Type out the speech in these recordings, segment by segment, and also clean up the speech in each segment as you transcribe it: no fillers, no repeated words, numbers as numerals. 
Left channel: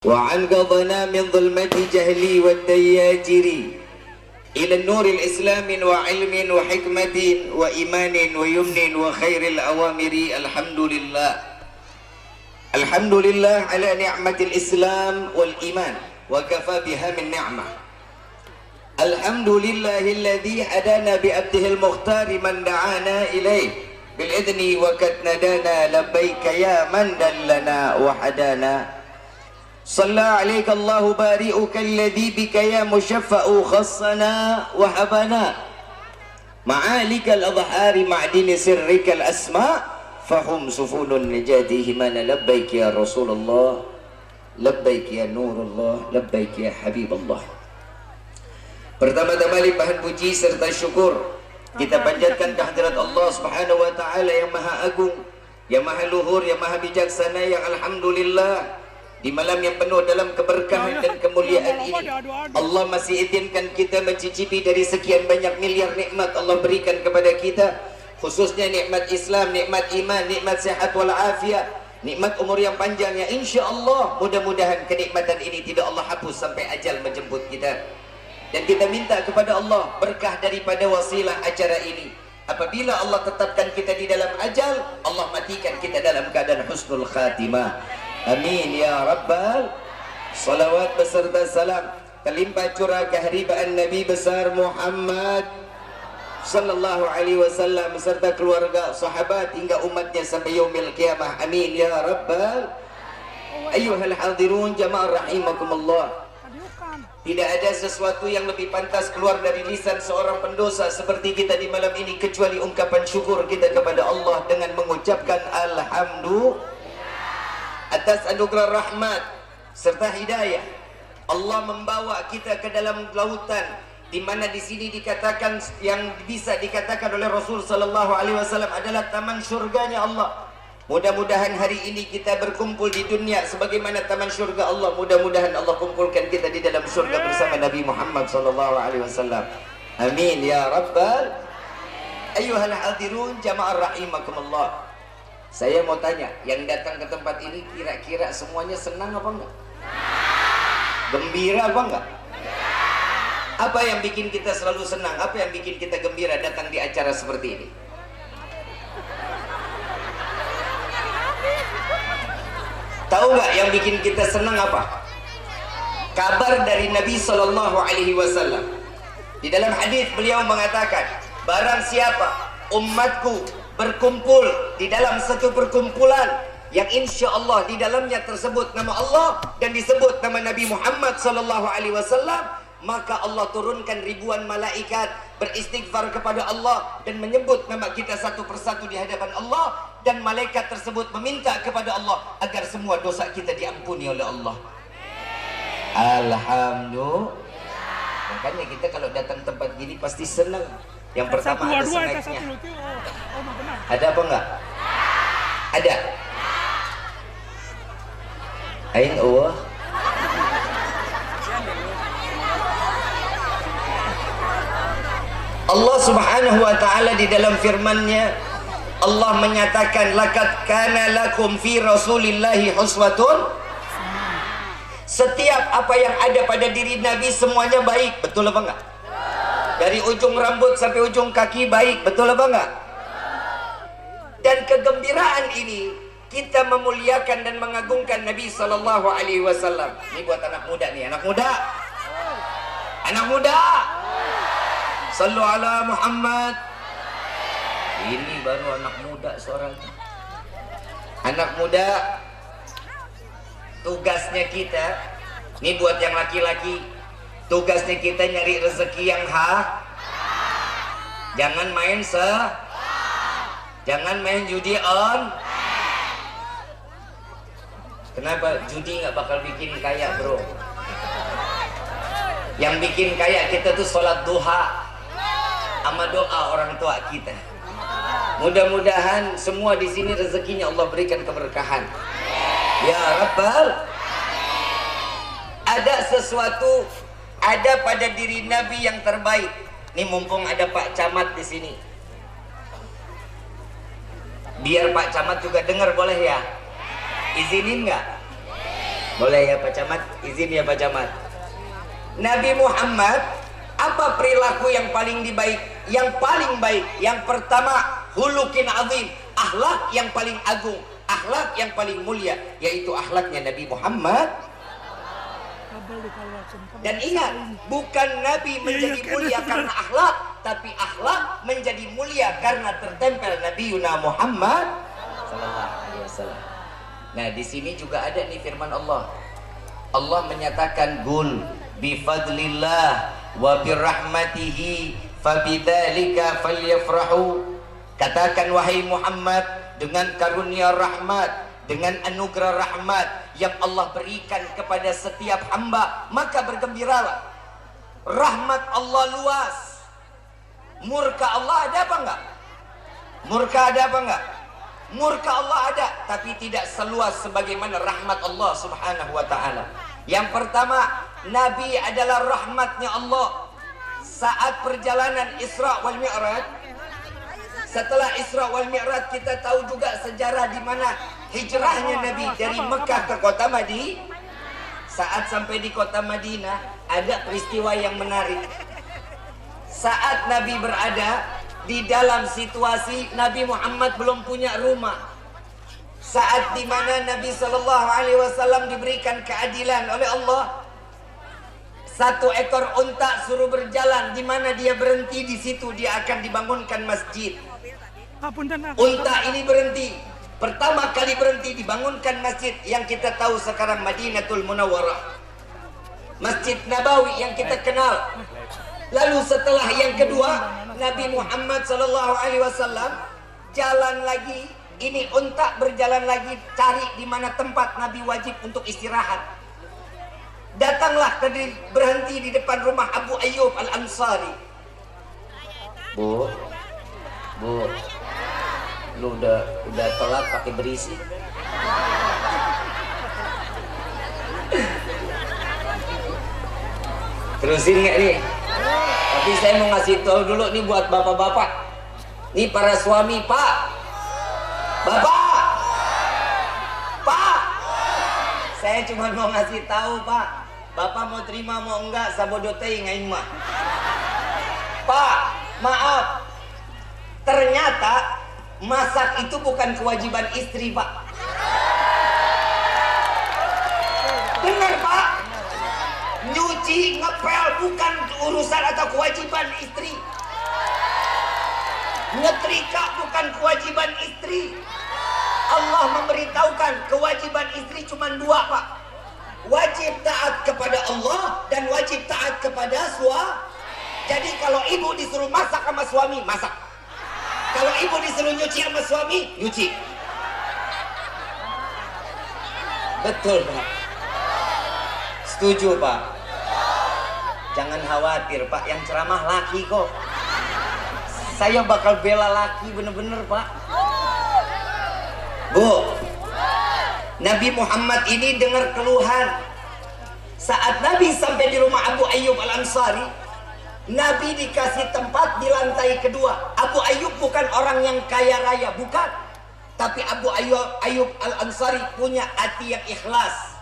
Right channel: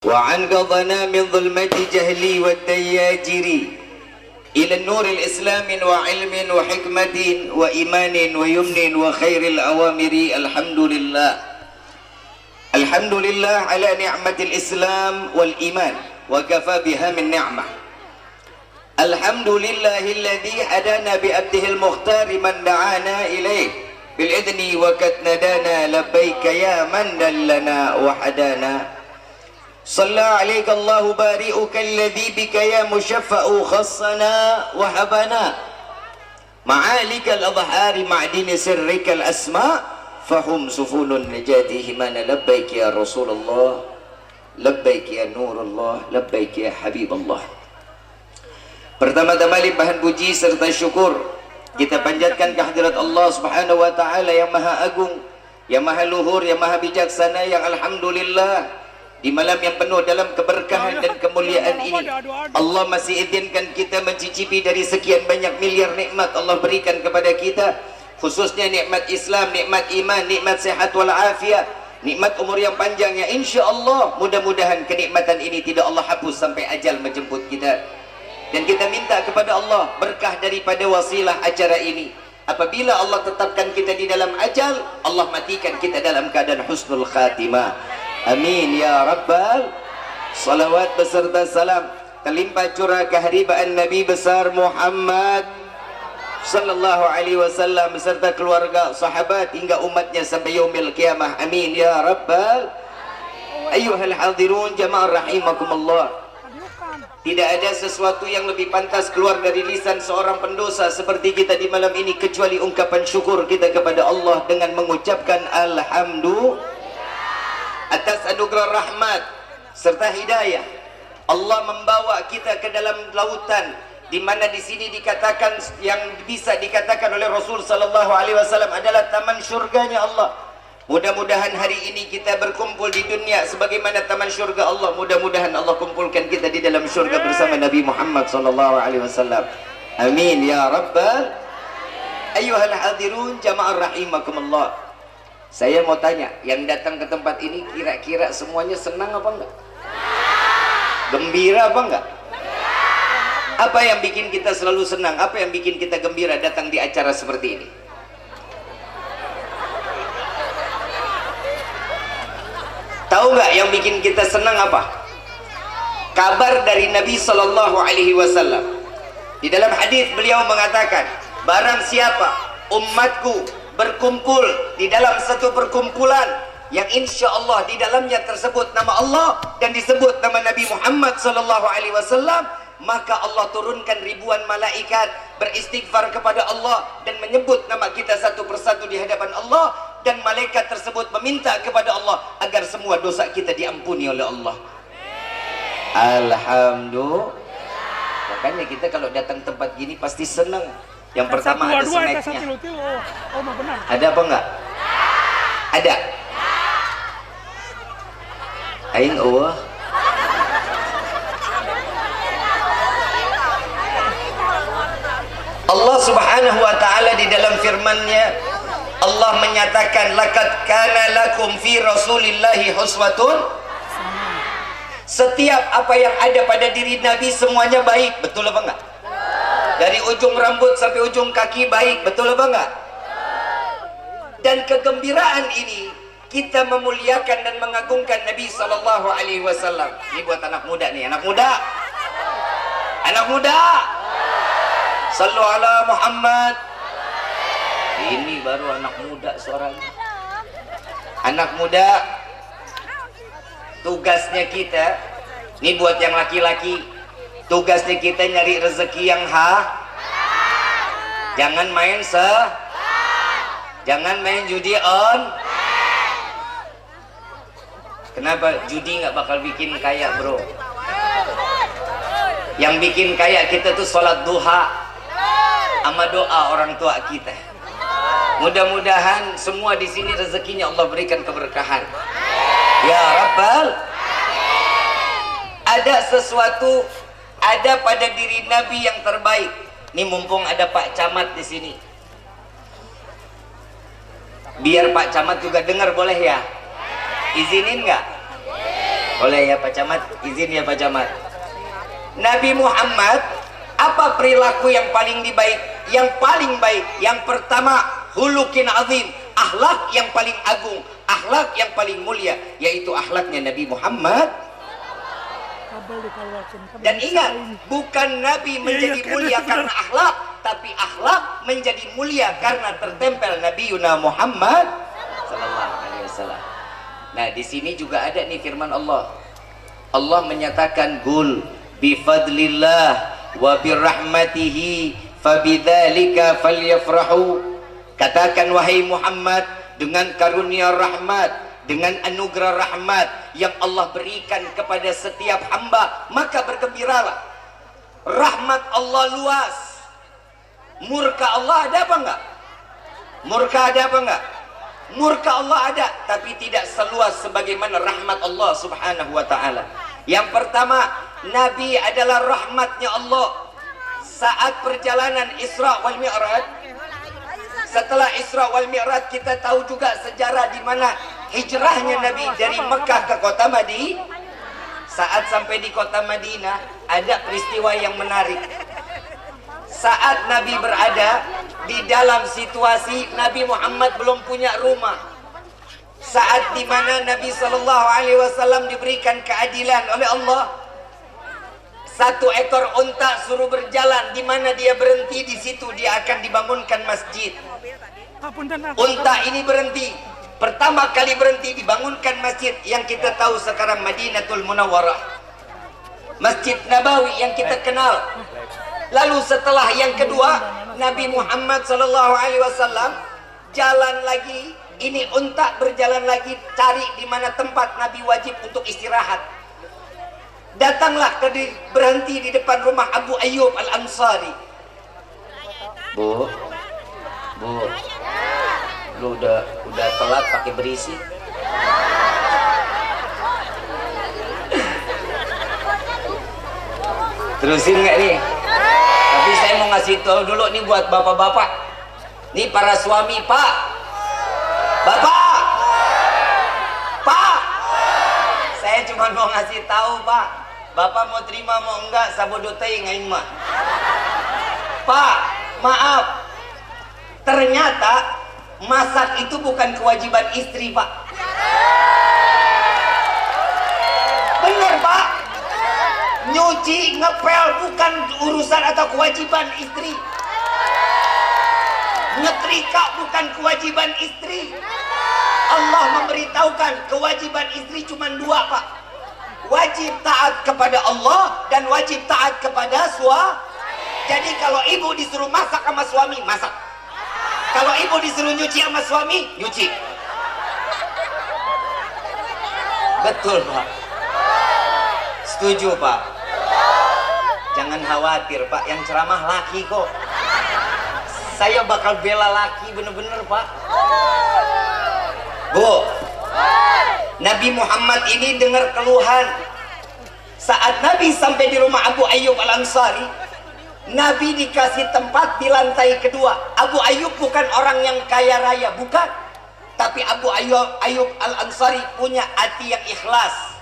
وأنقذنا من ظلمة جهلي والدياجر إلى النور الإسلام وعلم وحكمة وإيمان ويمن وخير الأوامر. الحمد لله على نعمة الإسلام والإيمان وكفى بها من نعمة. الحمد لله الذي هدانا بأبده المختار من دعانا إليه بالإذن وقد ندانا لبيك يا من دلنا وحدانا. صلى عليك الله بارئك الذي بك يا مشفأ خصنا وهبنا معالك الأظهار معدن سرك الأسماء فهم سفون النجاة همانا. لبيك يا رسول الله، لبيك يا نور الله، لبيك يا حبيب الله. Pertama-tama limpahan puji serta syukur kita panjatkan kehadirat Allah Subhanahu wa taala yang Maha Agung, yang Maha Luhur, yang Maha Bijaksana, yang alhamdulillah di malam yang penuh dalam keberkahan dan kemuliaan ini Allah masih izinkan kita mencicipi dari sekian banyak miliar nikmat Allah berikan kepada kita, khususnya nikmat Islam, nikmat iman, nikmat sehat wal afiat, nikmat umur yang panjang yang insyaallah mudah-mudahan kenikmatan ini tidak Allah hapus sampai ajal menjemput kita. Dan kita minta kepada Allah berkah daripada wasilah acara ini. Apabila Allah tetapkan kita di dalam ajal, Allah matikan kita dalam keadaan husnul khatimah. Amin ya rabbal. Salawat beserta salam terlimpah curah keharibaan Nabi besar Muhammad sallallahu alaihi wasallam beserta keluarga, sahabat hingga umatnya sampai yaumil qiyamah. Amin ya rabbal. Ayyuhal hadirun jamaah rahimakumullah. Tidak ada sesuatu yang lebih pantas keluar dari lisan seorang pendosa seperti kita di malam ini kecuali ungkapan syukur kita kepada Allah dengan mengucapkan alhamdulillah atas anugerah rahmat serta hidayah. Allah membawa kita ke dalam lautan di mana di sini dikatakan, yang bisa dikatakan oleh Rasul sallallahu alaihi wasallam adalah taman surganya Allah. Mudah-mudahan hari ini kita berkumpul di dunia sebagaimana taman surga Allah. Mudah-mudahan Allah kumpulkan kita di dalam surga bersama Nabi Muhammad sallallahu alaihi wasallam. Amin ya rabbal. Ayyuhal hadirun jamaah rahimakumullah. Saya mau tanya, yang datang ke tempat ini kira-kira semuanya senang apa enggak? Gembira apa enggak? Apa yang bikin kita selalu senang? Apa yang bikin kita gembira datang di acara seperti ini? Tahu nggak yang bikin kita senang apa? Kabar dari Nabi Sallallahu Alaihi Wasallam. Di dalam hadis beliau mengatakan, barang siapa umatku berkumpul di dalam satu perkumpulan yang insya Allah di dalamnya tersebut nama Allah dan disebut nama Nabi Muhammad Sallallahu Alaihi Wasallam, maka Allah turunkan ribuan malaikat beristighfar kepada Allah dan menyebut nama kita satu persatu di hadapan Allah, dan malaikat tersebut meminta kepada Allah agar semua dosa kita diampuni oleh Allah. Alhamdulillah. Makanya kita kalau datang tempat gini pasti senang. Yang pertama ada snacknya. Ada apa enggak? Ada. Aing Allah. Allah Subhanahu wa taala di dalam firman-Nya Allah menyatakan laqad kana lakum fi rasulillahi uswatun. Setiap apa yang ada pada diri Nabi semuanya baik, betul apa enggak? Dari ujung rambut sampai ujung kaki baik, betul apa enggak? Dan kegembiraan ini kita memuliakan dan mengagungkan Nabi sallallahu alaihi wasallam. Ini buat anak muda nih, anak muda. Anak muda. Sallu ala Muhammad. Ini baru anak muda suaranya. Anak muda, tugasnya kita, ini buat yang laki-laki, tugasnya kita nyari rezeki yang jangan main jangan main judi on. Kenapa? Judi nggak bakal bikin kaya bro. Yang bikin kaya kita tuh sholat duha sama doa orang tua kita. Mudah-mudahan semua di sini rezekinya Allah berikan keberkahan. Ya Rabbal. Ada sesuatu ada pada diri Nabi yang terbaik. Ini mumpung ada Pak Camat di sini. Biar Pak Camat juga dengar boleh ya? Izinin nggak? Boleh ya Pak Camat? Izin ya Pak Camat. Nabi Muhammad, apa perilaku yang paling baik? Yang paling baik, yang pertama, hulukin azim, akhlak yang paling agung, akhlak yang paling mulia, yaitu akhlaknya Nabi Muhammad. Dan ingat, bukan Nabi menjadi mulia karena akhlak, tapi akhlak menjadi mulia karena tertempel Nabi Yuna Muhammad sallallahu alaihi wasallam. Nah, di sini juga ada nih firman Allah. Allah menyatakan gul bifadlillah wa birahmatihi fabidzalika falyafrahu. Katakan wahai Muhammad, dengan karunia rahmat, dengan anugerah rahmat yang Allah berikan kepada setiap hamba, maka bergembiralah. Rahmat Allah luas. Murka Allah ada apa enggak? Murka ada apa enggak? Murka Allah ada, tapi tidak seluas sebagaimana rahmat Allah subhanahu wa ta'ala. Yang pertama, Nabi adalah rahmatnya Allah. Saat perjalanan Isra wal Mi'raj, setelah Isra wal Mi'raj, kita tahu juga sejarah di mana hijrahnya Nabi dari Mekah ke kota Madinah. Saat sampai di kota Madinah, ada peristiwa yang menarik. Saat Nabi berada di dalam situasi Nabi Muhammad belum punya rumah, saat di mana Nabi Shallallahu Alaihi Wasallam diberikan keadilan oleh Allah, satu ekor unta suruh berjalan, di mana dia berhenti di situ dia akan dibangunkan masjid. Unta ini berhenti, pertama kali berhenti dibangunkan masjid yang kita tahu sekarang Madinatul Munawwarah, Masjid Nabawi yang kita kenal. Lalu setelah yang kedua, Nabi Muhammad Sallallahu Alaihi Wasallam jalan lagi. Ini unta berjalan lagi cari di mana tempat Nabi wajib untuk istirahat. Datanglah berhenti di depan rumah Abu Ayyub Al Ansari. Bu, lu udah telat pakai berisi. Terusin nggak nih? Tapi saya mau ngasih tahu dulu nih buat bapak-bapak. Nih para suami, Pak. Bapak. Pak. Saya cuma mau ngasih tahu, Pak. Bapak mau terima mau enggak sabodotei ngain mah. Pak, maaf. Ternyata masak itu bukan kewajiban istri, Pak. Bener, Pak. Nyuci, ngepel bukan urusan atau kewajiban istri. Nyetrika bukan kewajiban istri. Allah memberitahukan kewajiban istri cuma dua, Pak. Wajib taat kepada Allah dan wajib taat kepada suami. Jadi kalau ibu disuruh masak sama suami, masak. Kalau ibu disuruh nyuci sama suami, nyuci. Betul, Pak. Setuju, Pak. Jangan khawatir, Pak, yang ceramah laki kok. Saya bakal bela laki bener-bener, Pak. Bu, Nabi Muhammad ini dengar keluhan. Saat Nabi sampai di rumah Abu Ayyub Al Ansari, Nabi dikasih tempat di lantai kedua. Abu Ayyub bukan orang yang kaya raya, bukan. Tapi Abu Ayyub Al Ansari punya hati yang ikhlas.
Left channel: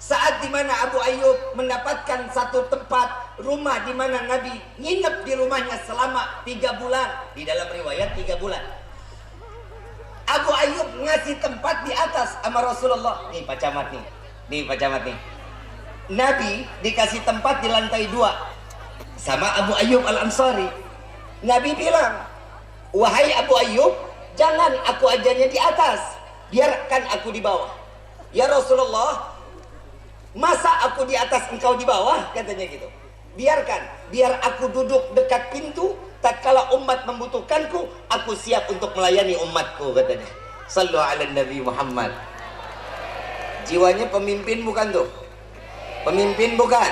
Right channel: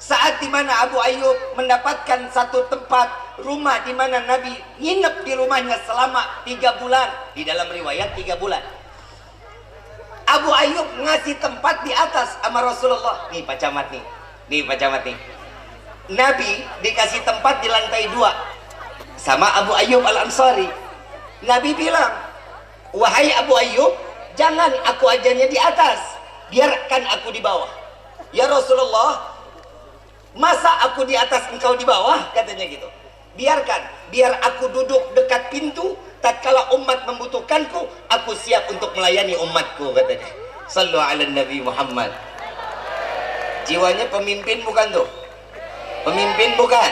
Saat dimana Abu Ayyub mendapatkan satu tempat rumah di mana Nabi nginep di rumahnya selama 3 bulan, di dalam riwayat 3 bulan. Abu Ayyub ngasih tempat di atas sama Rasulullah. Nih Pak Camat nih, Pak Camat nih. Nabi dikasih tempat di lantai 2 sama Abu Ayyub Al Ansari. Nabi bilang, wahai Abu Ayyub, jangan aku ajarnya di atas, biarkan aku di bawah. Ya Rasulullah, masa aku di atas engkau di bawah, katanya gitu. Biarkan, biar aku duduk dekat pintu, tatkala umat membutuhkanku, aku siap untuk melayani umatku, katanya. Sallu ala Nabi Muhammad. Jiwanya pemimpin bukan tuh? Pemimpin bukan?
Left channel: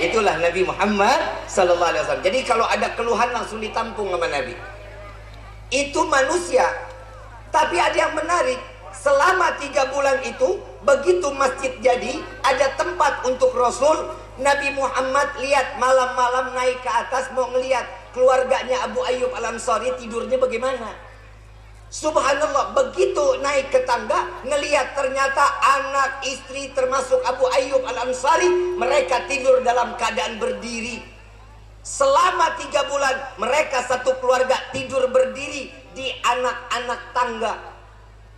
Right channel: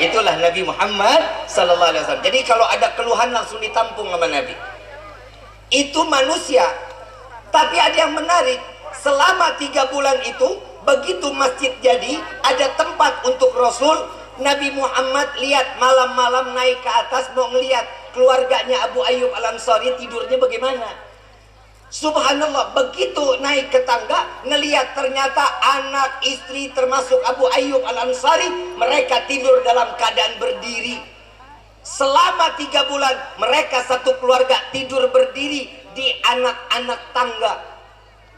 Itulah Nabi Muhammad sallallahu alaihi wasallam. Jadi kalau ada keluhan langsung ditampung sama Nabi. Itu manusia. Tapi ada yang menarik, selama 3 bulan itu, begitu masjid jadi, ada tempat untuk Rasul. Nabi Muhammad lihat malam-malam naik ke atas mau ngelihat keluarganya Abu Ayyub Al Ansari tidurnya bagaimana. Subhanallah, begitu naik ke tangga, ngelihat ternyata anak istri termasuk Abu Ayyub Al-Ansari, mereka tidur dalam keadaan berdiri. Selama 3 bulan mereka satu keluarga tidur berdiri di anak-anak tangga.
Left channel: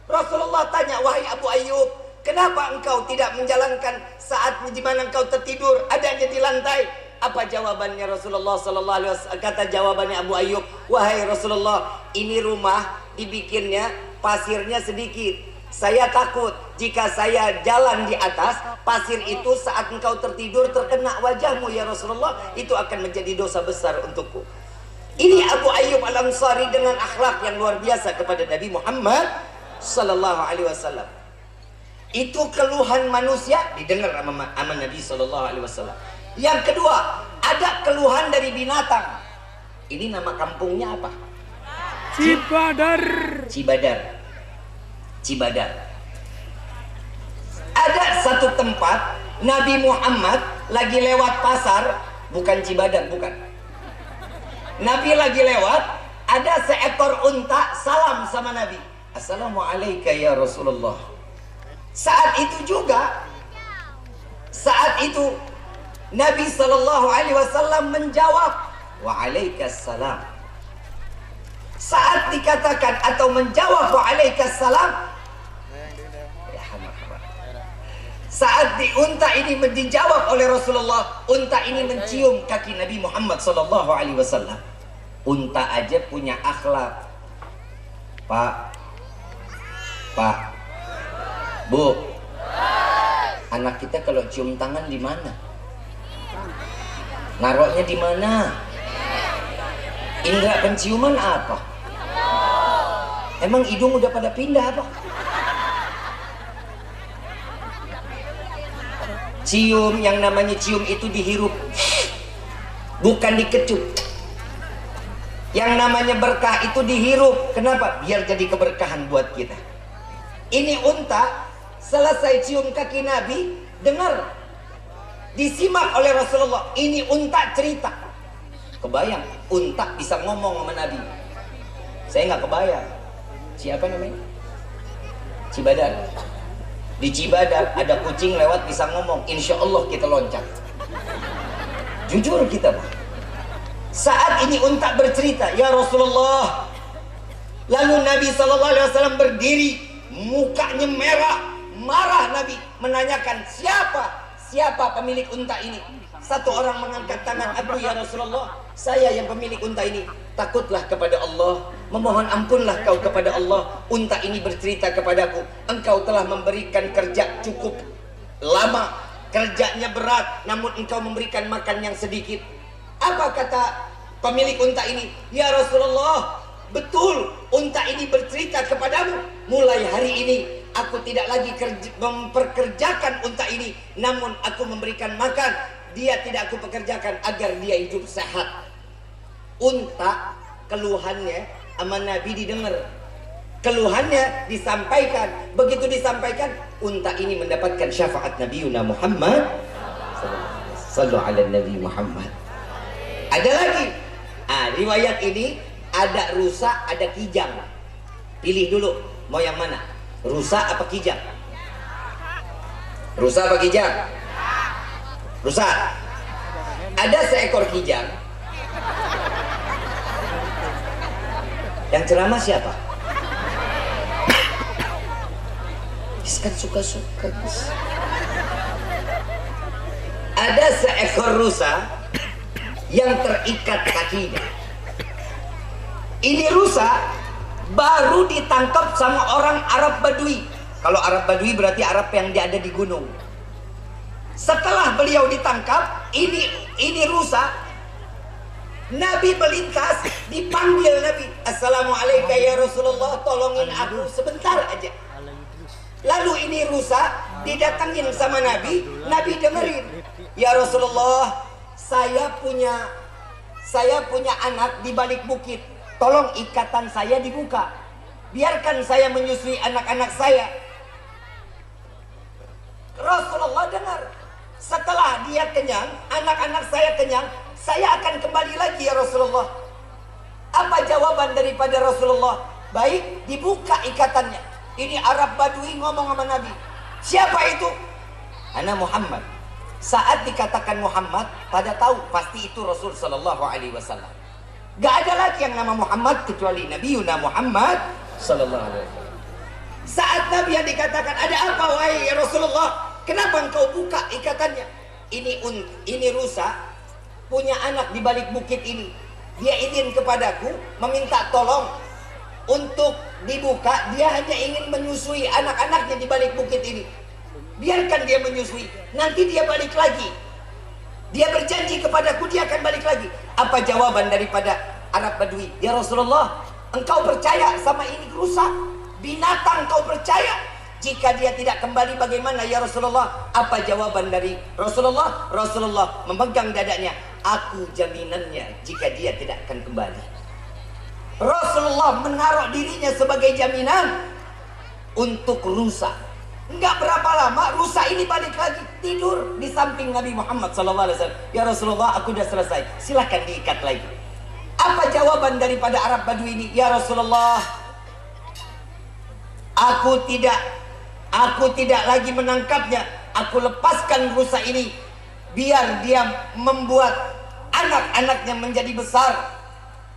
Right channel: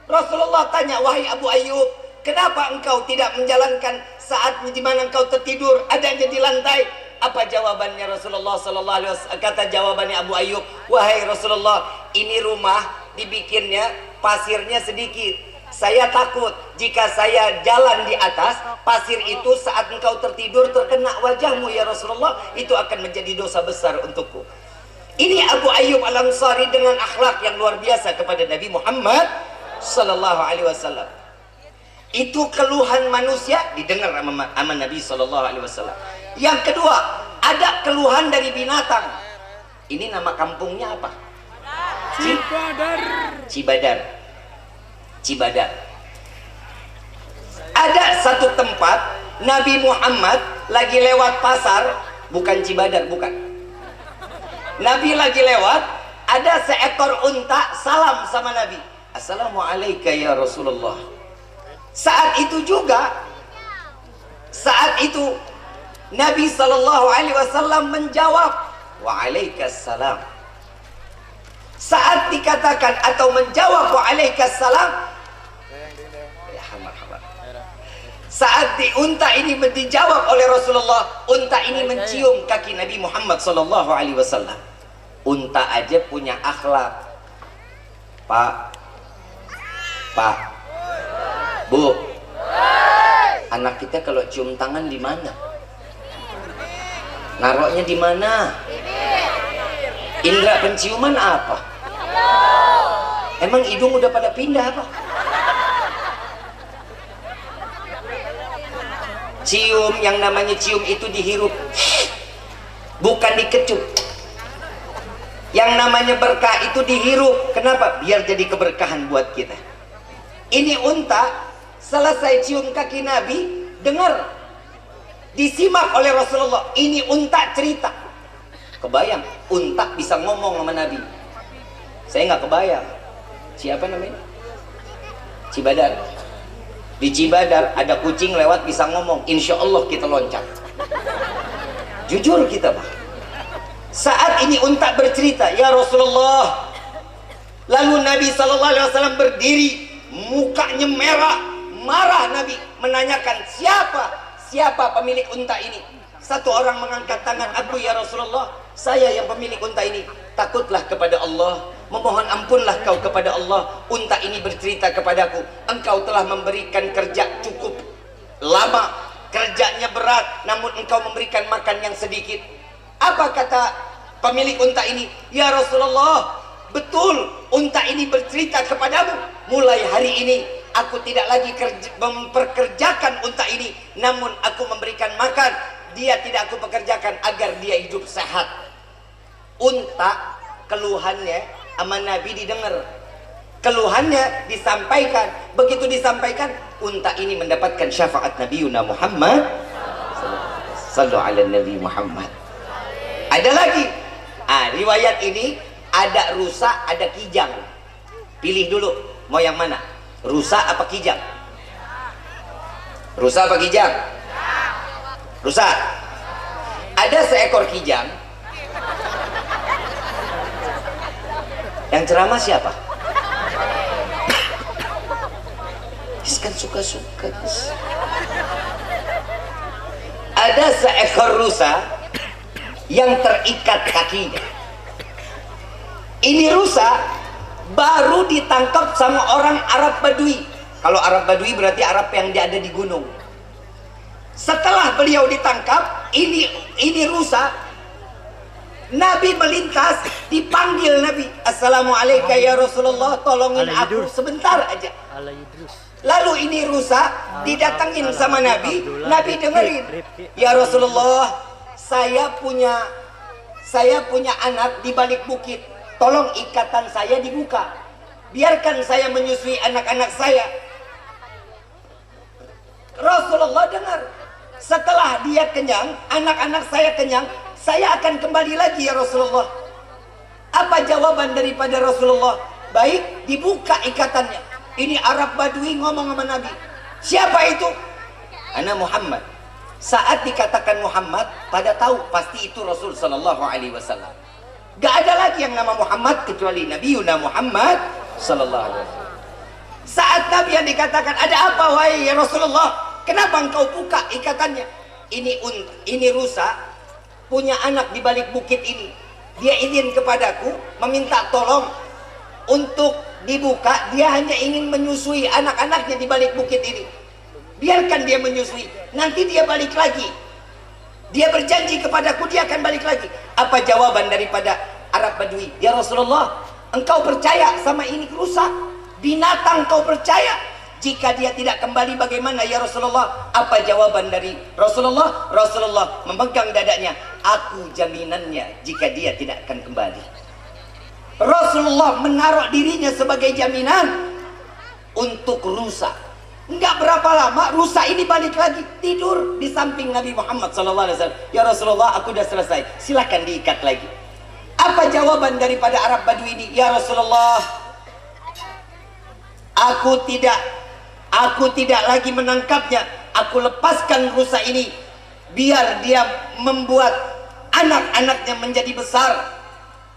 Rasulullah tanya, wahai Abu Ayyub, kenapa engkau tidak menjalankan saat di mana engkau tertidur adanya di lantai? Apa jawabannya Rasulullah sallallahu alaihi wasallam? Kata jawabannya Abu Ayyub, wahai Rasulullah, ini rumah dibikinnya pasirnya sedikit. Saya takut jika saya jalan di atas pasir itu saat engkau tertidur terkena wajahmu ya Rasulullah, itu akan menjadi dosa besar untukku. Ini Abu Ayyub Al-Ansari dengan akhlak yang luar biasa kepada Nabi Muhammad sallallahu alaihi wasallam. Itu keluhan manusia didengar sama Nabi sallallahu alaihi wasallam. Yang kedua, ada keluhan dari binatang. Ini nama kampungnya apa? Cibadar. Cibadar. Cibadar. Ada satu tempat Nabi Muhammad lagi lewat pasar, bukan Cibadar, bukan. Nabi lagi lewat, ada seekor unta salam sama Nabi. Assalamualaikum ya Rasulullah. Saat itu Nabi sallallahu alaihi wasallam menjawab, waalaikumsalam. Saat dikatakan atau menjawab waalaikumsalam, saat di unta ini dijawab oleh Rasulullah, unta ini mencium kaki Nabi Muhammad sallallahu alaihi wasallam. Unta aja punya akhlak. Pak, Bu, anak kita kalau cium tangan di mana? Naruhnya di mana? Indra penciuman apa? Emang hidung udah pada pindah apa? Cium, yang namanya cium itu dihirup, bukan dikecup. Yang namanya berkah itu dihirup. Kenapa? Biar jadi keberkahan buat kita. Ini unta selesai cium kaki Nabi, dengar, disimak oleh Rasulullah. Ini unta cerita. Kebayang unta bisa ngomong sama Nabi? Saya nggak kebayang. Siapa namanya? Cibadar. Di Cibadar ada kucing lewat bisa ngomong, insya Allah kita loncat. Jujur kita, Pak. Saat ini unta bercerita, ya Rasulullah. Lalu Nabi SAW berdiri, mukanya merah, marah. Nabi menanyakan, siapa pemilik unta ini? Satu orang mengangkat tangan, aku ya Rasulullah, saya yang pemilik unta ini. Takutlah kepada Allah, memohon ampunlah kau kepada Allah. Unta ini bercerita kepadaku, engkau telah memberikan kerja cukup lama, kerjanya berat, namun engkau memberikan makan yang sedikit. Apa kata pemilik unta ini? Ya Rasulullah, betul, unta ini bercerita kepadamu. Mulai hari ini aku tidak lagi memperkerjakan unta ini, namun aku memberikan makan. Dia tidak aku pekerjakan agar dia hidup sehat. Unta keluhannya sama Nabi didengar, keluhannya disampaikan. Begitu disampaikan, unta ini mendapatkan syafaat Nabi Muhammad sallallahu alaihi Nabi Muhammad. Ada lagi, riwayat ini ada rusa, ada kijang. Pilih dulu, mau yang mana? Rusa apa kijang? Rusa apa kijang? Rusa. Ada seekor kijang. Yang ceramah siapa? Kan suka-suka. Ada seekor rusa yang terikat kakinya. Ini rusa baru ditangkap sama orang Arab Badui. Kalau Arab Badui berarti Arab yang ada di gunung. Setelah beliau ditangkap, ini rusa, Nabi melintas, dipanggil Nabi, Assalamualaikum ya Rasulullah, tolongin aku sebentar aja. Lalu ini rusa didatengin sama Nabi, Nabi dengerin, ya Rasulullah, saya punya anak di balik bukit, tolong ikatan saya dibuka, biarkan saya menyusui anak-anak saya. Rasulullah dengar, setelah dia kenyang, anak-anak saya kenyang, saya akan kembali lagi ya Rasulullah. Apa jawaban daripada Rasulullah? Baik, dibuka ikatannya. Ini Arab Badui ngomong sama Nabi. Siapa itu? Ana Muhammad. Saat dikatakan Muhammad, pada tahu pasti itu Rasul sallallahu alaihi wasallam. Gak ada lagi yang nama Muhammad kecuali Nabi Yuna Muhammad sallallahu alaihi wasallam. Saat Nabi yang dikatakan, ada apa wahai ya Rasulullah? Kenapa engkau buka ikatannya? Ini rusa punya anak di balik bukit ini. Dia izin kepadaku meminta tolong untuk dibuka. Dia hanya ingin menyusui anak-anaknya di balik bukit ini. Biarkan dia menyusui, nanti dia balik lagi. Dia berjanji kepadaku dia akan balik lagi. Apa jawaban daripada Arab Badui? Ya Rasulullah, engkau percaya sama ini rusa? Binatang kau percaya? Jika dia tidak kembali bagaimana ya Rasulullah? Apa jawaban dari Rasulullah? Rasulullah memegang dadanya. Aku jaminannya jika dia tidak akan kembali. Rasulullah menaruh dirinya sebagai jaminan untuk rusa. Enggak berapa lama rusa ini balik lagi tidur di samping Nabi Muhammad SAW. Ya Rasulullah, aku sudah selesai, silakan diikat lagi. Apa jawaban daripada Arab Badui ini? Ya Rasulullah, aku tidak lagi menangkapnya. Aku lepaskan rusa ini biar dia membuat anak-anaknya menjadi besar.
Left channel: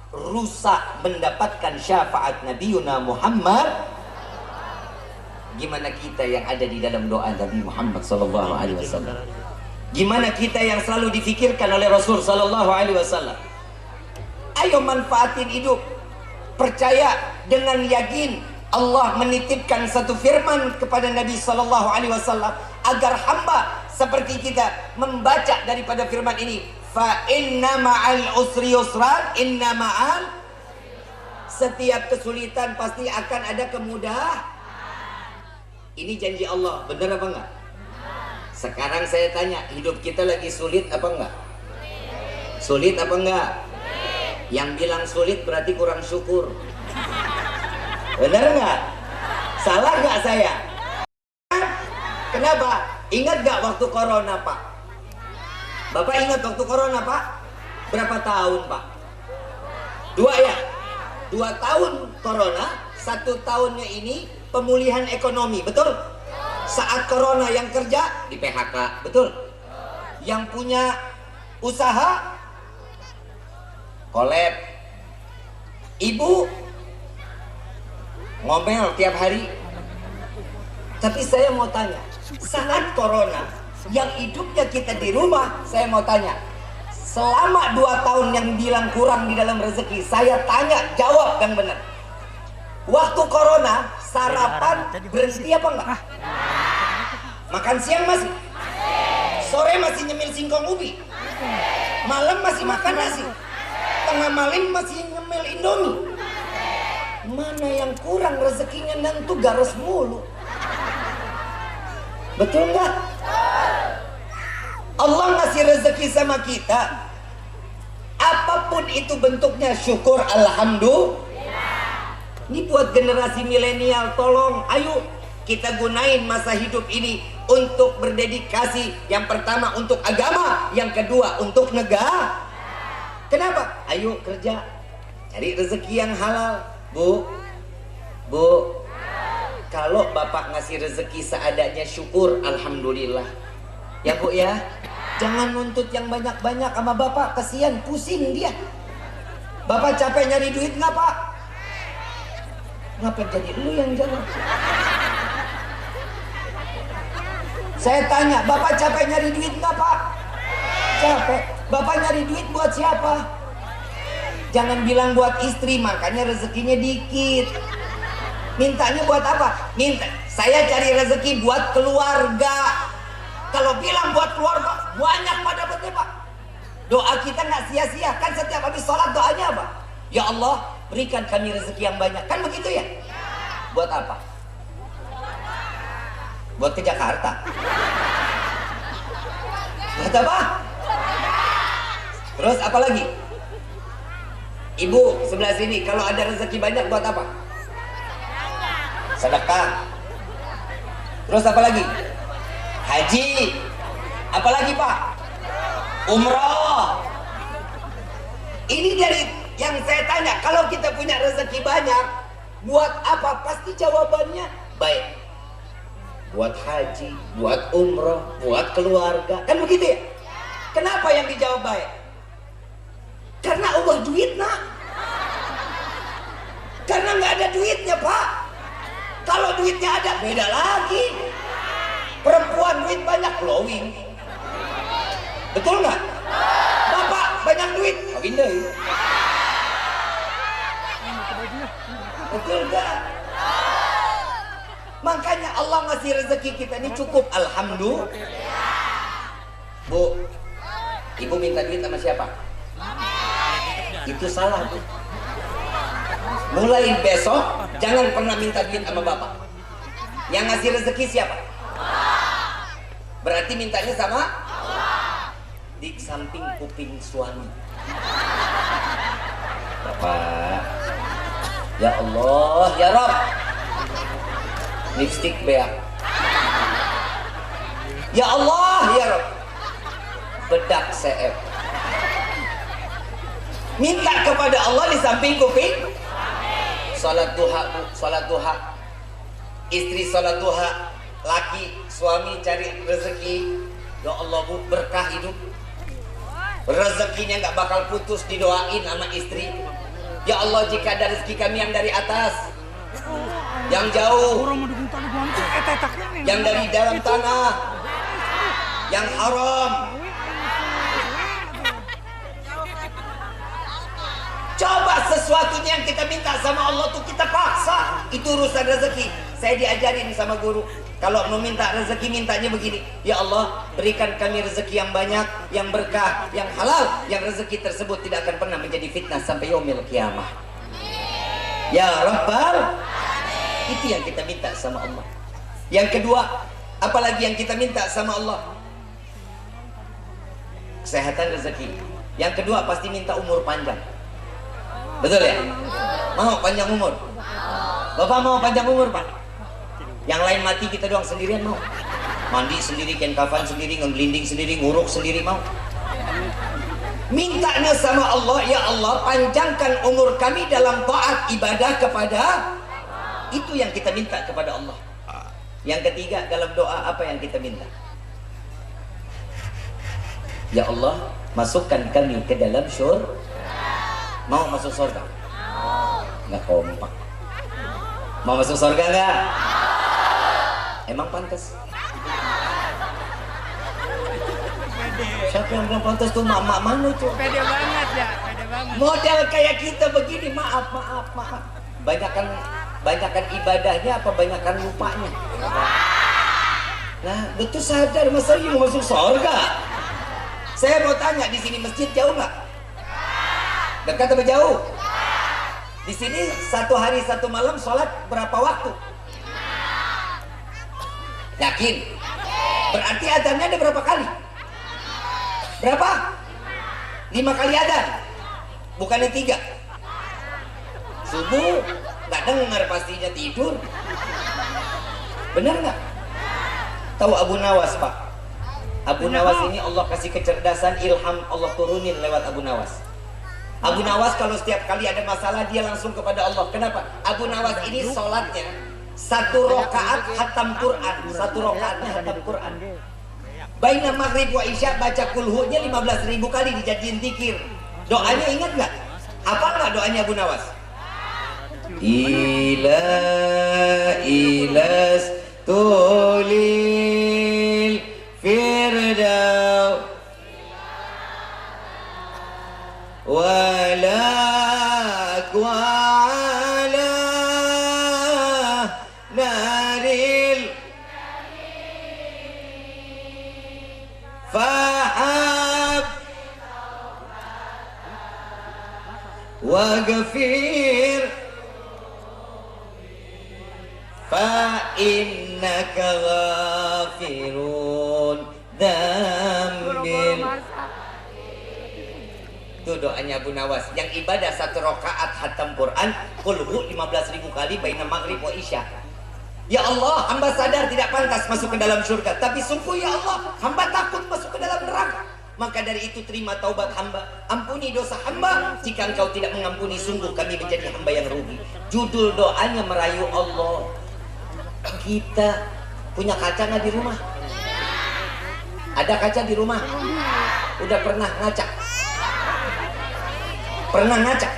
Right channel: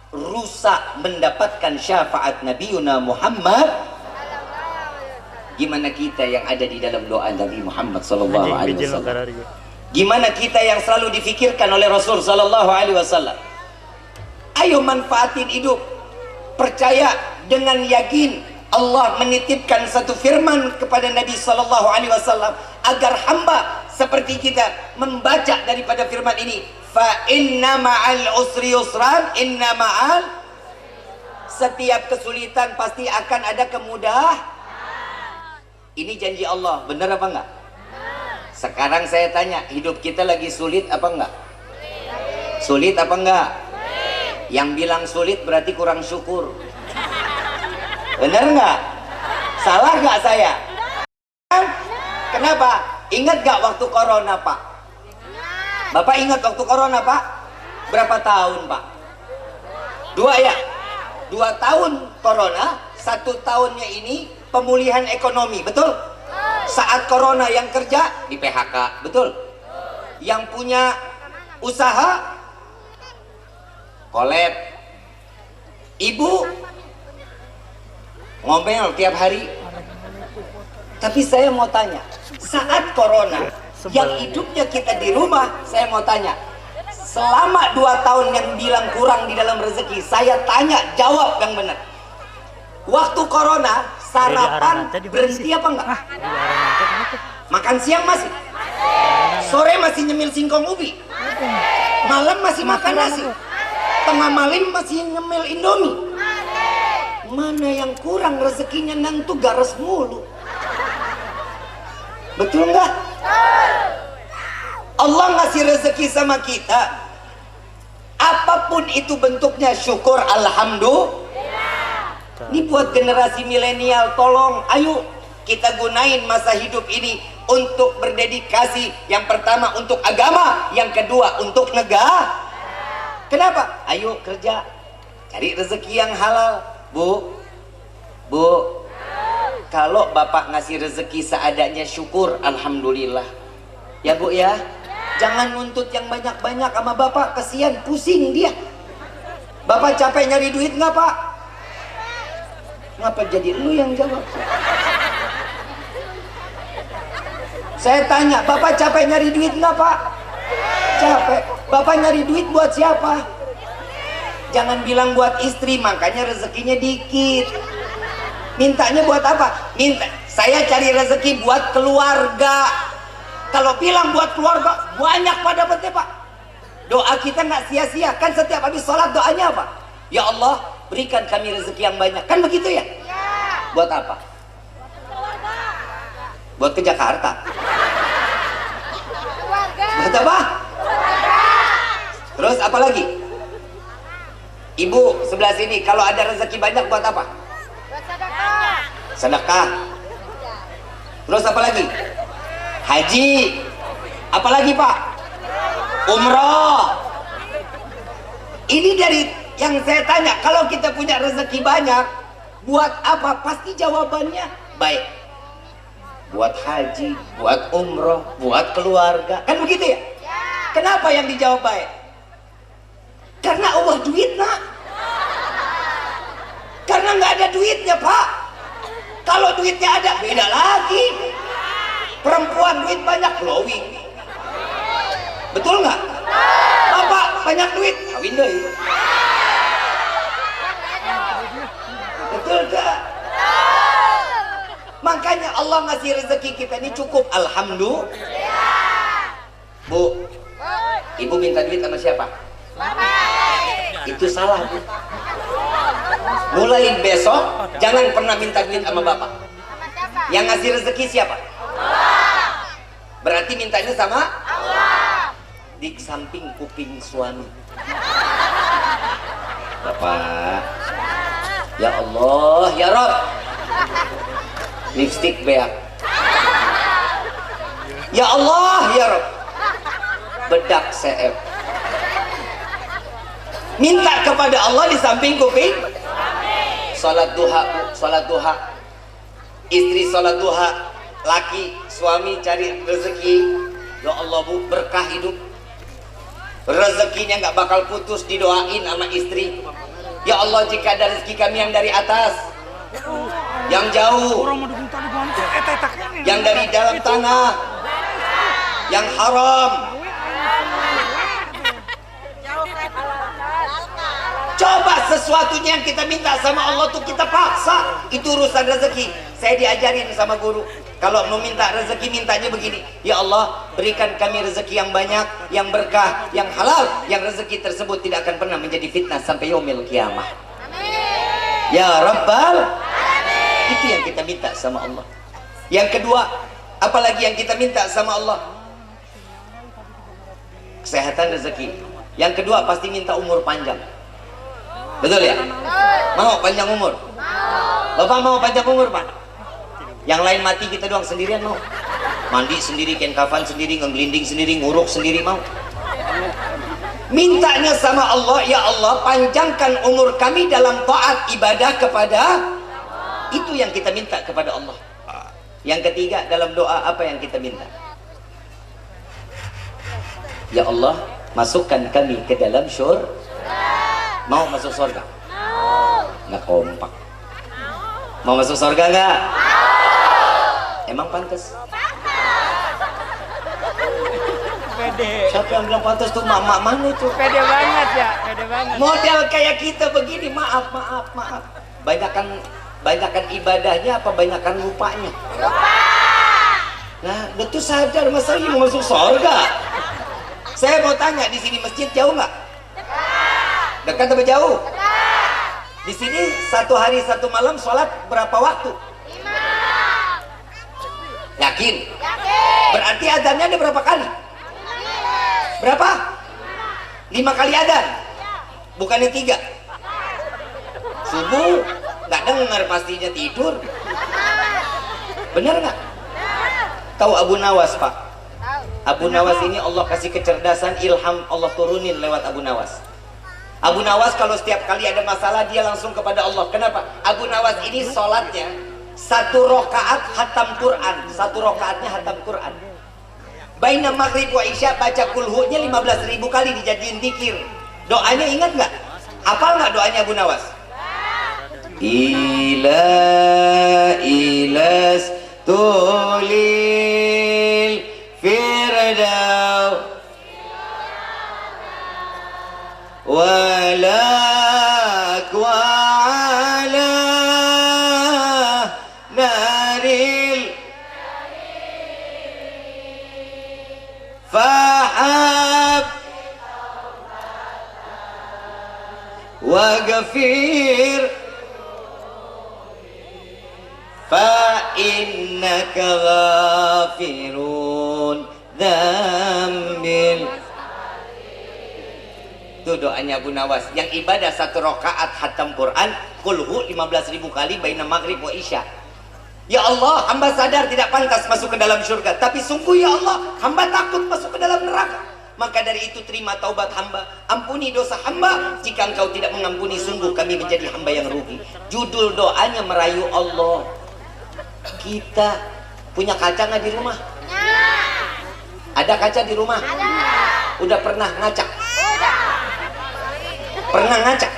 Rusa mendapatkan syafaat Nabi Yuna Muhammad. Gimana kita yang ada di dalam doa Nabi Muhammad sallallahu alaihi wasallam? Gimana kita yang selalu difikirkan oleh Rasul sallallahu alaihi wasallam? Ayo manfaatin hidup. Percaya dengan yakin Allah menitipkan satu firman kepada Nabi sallallahu alaihi wasallam agar hamba seperti kita membaca daripada firman ini. Fa inna ma'al usri yusran, inna ma'al. Setiap kesulitan pasti akan ada kemudahan. Ini janji Allah, benar apa enggak? Sekarang saya tanya, hidup kita lagi sulit apa enggak? Sulit apa enggak? Yang bilang sulit berarti kurang syukur. Benar enggak? Salah enggak saya? Kenapa? Ingat enggak waktu corona, Pak? Bapak ingat waktu corona, Pak? Berapa tahun, Pak? 2 ya? 2 tahun corona, 1 tahunnya ini pemulihan ekonomi, betul? Saat corona yang kerja di PHK, betul? Yang punya usaha kolab. Ibu ngomel tiap hari. Tapi saya mau tanya, saat corona yang hidupnya kita di rumah, saya mau tanya, selama 2 tahun yang bilang kurang di dalam rezeki, saya tanya, jawab yang benar. Waktu corona, sarapan berhenti apa enggak? Makan siang masih? Sore masih nyemil singkong ubi? Malam masih makan nasi? Tengah malam masih nyemil indomie? Mana yang kurang rezekinya nanti garas mulu? Betul enggak? Allah ngasih rezeki sama kita. Apapun itu bentuknya, syukur alhamdulillah. Ini buat generasi milenial, tolong ayo kita gunain masa hidup ini untuk berdedikasi. Yang pertama untuk agama, yang kedua untuk negara. Kenapa? Ayo kerja, cari rezeki yang halal. Bu, kalau bapak ngasih rezeki seadanya, syukur alhamdulillah. Ya bu ya, jangan nuntut yang banyak-banyak sama bapak, kasihan, pusing dia. Bapak capek nyari duit nggak pak? Ngapa jadi lu yang jawab? Saya tanya, bapak capek nyari duit nggak pak? Capek. Bapak nyari duit buat siapa? Jangan bilang buat istri, makanya rezekinya dikit. Mintanya buat apa? Minta, saya cari rezeki buat keluarga. Kalau bilang buat keluarga, banyak pada dapetnya pak. Doa kita nggak sia-sia. Kan setiap habis sholat doanya apa? Ya Allah, berikan kami rezeki yang banyak. Kan begitu ya? Buat apa? Buat ke Jakarta. Buat apa? Terus apa lagi? Ibu sebelah sini, kalau ada rezeki banyak buat apa? Sedekah. Terus apa lagi? Haji. Apa lagi pak? Umroh. Ini dari yang saya tanya, kalau kita punya rezeki banyak, Buat apa? Pasti jawabannya baik. Buat haji, buat umroh, buat keluarga. Kan begitu ya? Kenapa yang dijawab baik? Karena Allah duit nak. Karena nggak ada duitnya pak. Kalau duitnya ada beda lagi. Perempuan duit banyak glowing. Betul nggak? Bapak banyak duit kawin deh. Betul nggak? Makanya Allah ngasih rezeki kita ini cukup, alhamdulillah. Bu, ibu minta duit sama siapa? Itu salah bu. Mulai besok jangan pernah minta duit sama bapak. Yang ngasih rezeki siapa? Berarti mintanya sama Allah. Di samping kuping suami. Bapak, ya Allah, ya Rabb, lipstick beak. Ya Allah, ya Rabb, bedak CF. Minta kepada Allah di samping kuping. Salat duha, salat duha. Istri salat duha, laki suami cari rezeki. Ya Allah bu, berkah hidup. Rezekinya nggak bakal putus, didoain sama istri. Ya Allah, jika ada rezeki kami yang dari atas, yang jauh, yang dari dalam tanah, yang haram, coba sesuatunya yang kita minta sama Allah tuh kita paksa. Itu urusan rezeki. Saya diajarin sama guru, kalau mau minta rezeki mintanya begini, ya Allah berikan kami rezeki yang banyak, yang berkah, yang halal, yang rezeki tersebut tidak akan pernah menjadi fitnah sampai yaumil kiamah. Ya Rabbal, itu yang kita minta sama Allah. Yang kedua, apalagi yang kita minta sama Allah? Kesehatan, rezeki. Yang kedua pasti minta umur panjang. Betul ya? Mau panjang umur? Bapak mau panjang umur pak? Yang lain mati, kita doang sendirian mau? Mandi sendiri, kain kafan sendiri, ngeglinding sendiri, nguruk sendiri mau? Mintanya sama Allah, ya Allah panjangkan umur kami dalam taat ibadah kepada. Itu yang kita minta kepada Allah. Yang ketiga, dalam doa apa yang kita minta? Ya Allah masukkan kami ke dalam syurga. Mau masuk surga? Nggak kompak. Mau masuk surga nggak? Emang pantas? Pede. Siapa yang bilang pantas tuh? Mama mana itu? Pede banget ya, pede banget. Model kayak kita begini, maaf. Banyakan ibadahnya apa banyakan lupanya? Nah, betul sadar masa ini mau masuk surga? Saya mau tanya, di sini masjid jauh nggak? Dekat atau jauh? Di sini satu hari satu malam sholat berapa waktu? 5. Yakin? Berarti adzannya ada berapa kali? Berapa? 5 kali adzan? Bukannya 3? Subuh nggak dengar, pastinya tidur. Benar nggak? Tahu Abu Nawas pak? Abu Nawas ini Allah kasih kecerdasan, ilham Allah turunin lewat Abu Nawas. Abu Nawas kalau setiap kali ada masalah dia langsung kepada Allah. Kenapa? Abu Nawas ini sholatnya 1 rakaat hatam Quran, 1 rakaatnya hatam Quran. Baina maghrib wa isya baca kulhunya 15.000 kali dijadiin zikir. Doanya ingat nggak? Hafal nggak doanya Abu Nawas? Ilas tulil firdaus walak wa'ala naril fahab waghfir fa'innaka ghafirun dzambil. Itu doanya Abu Nawas. Yang ibadah 1 rakaat hatam Quran, kulhu 15.000 kali baina maghrib wa isya. Ya Allah, hamba sadar tidak pantas masuk ke dalam surga, tapi sungguh ya Allah, hamba takut masuk ke dalam neraka. Maka dari itu terima taubat hamba, ampuni dosa hamba. Jika engkau tidak mengampuni, sungguh kami menjadi hamba yang rugi. Judul doanya merayu Allah. Kita punya kaca nggak di rumah? Ada kaca di rumah? Udah pernah ngaca? Pernah ngaca?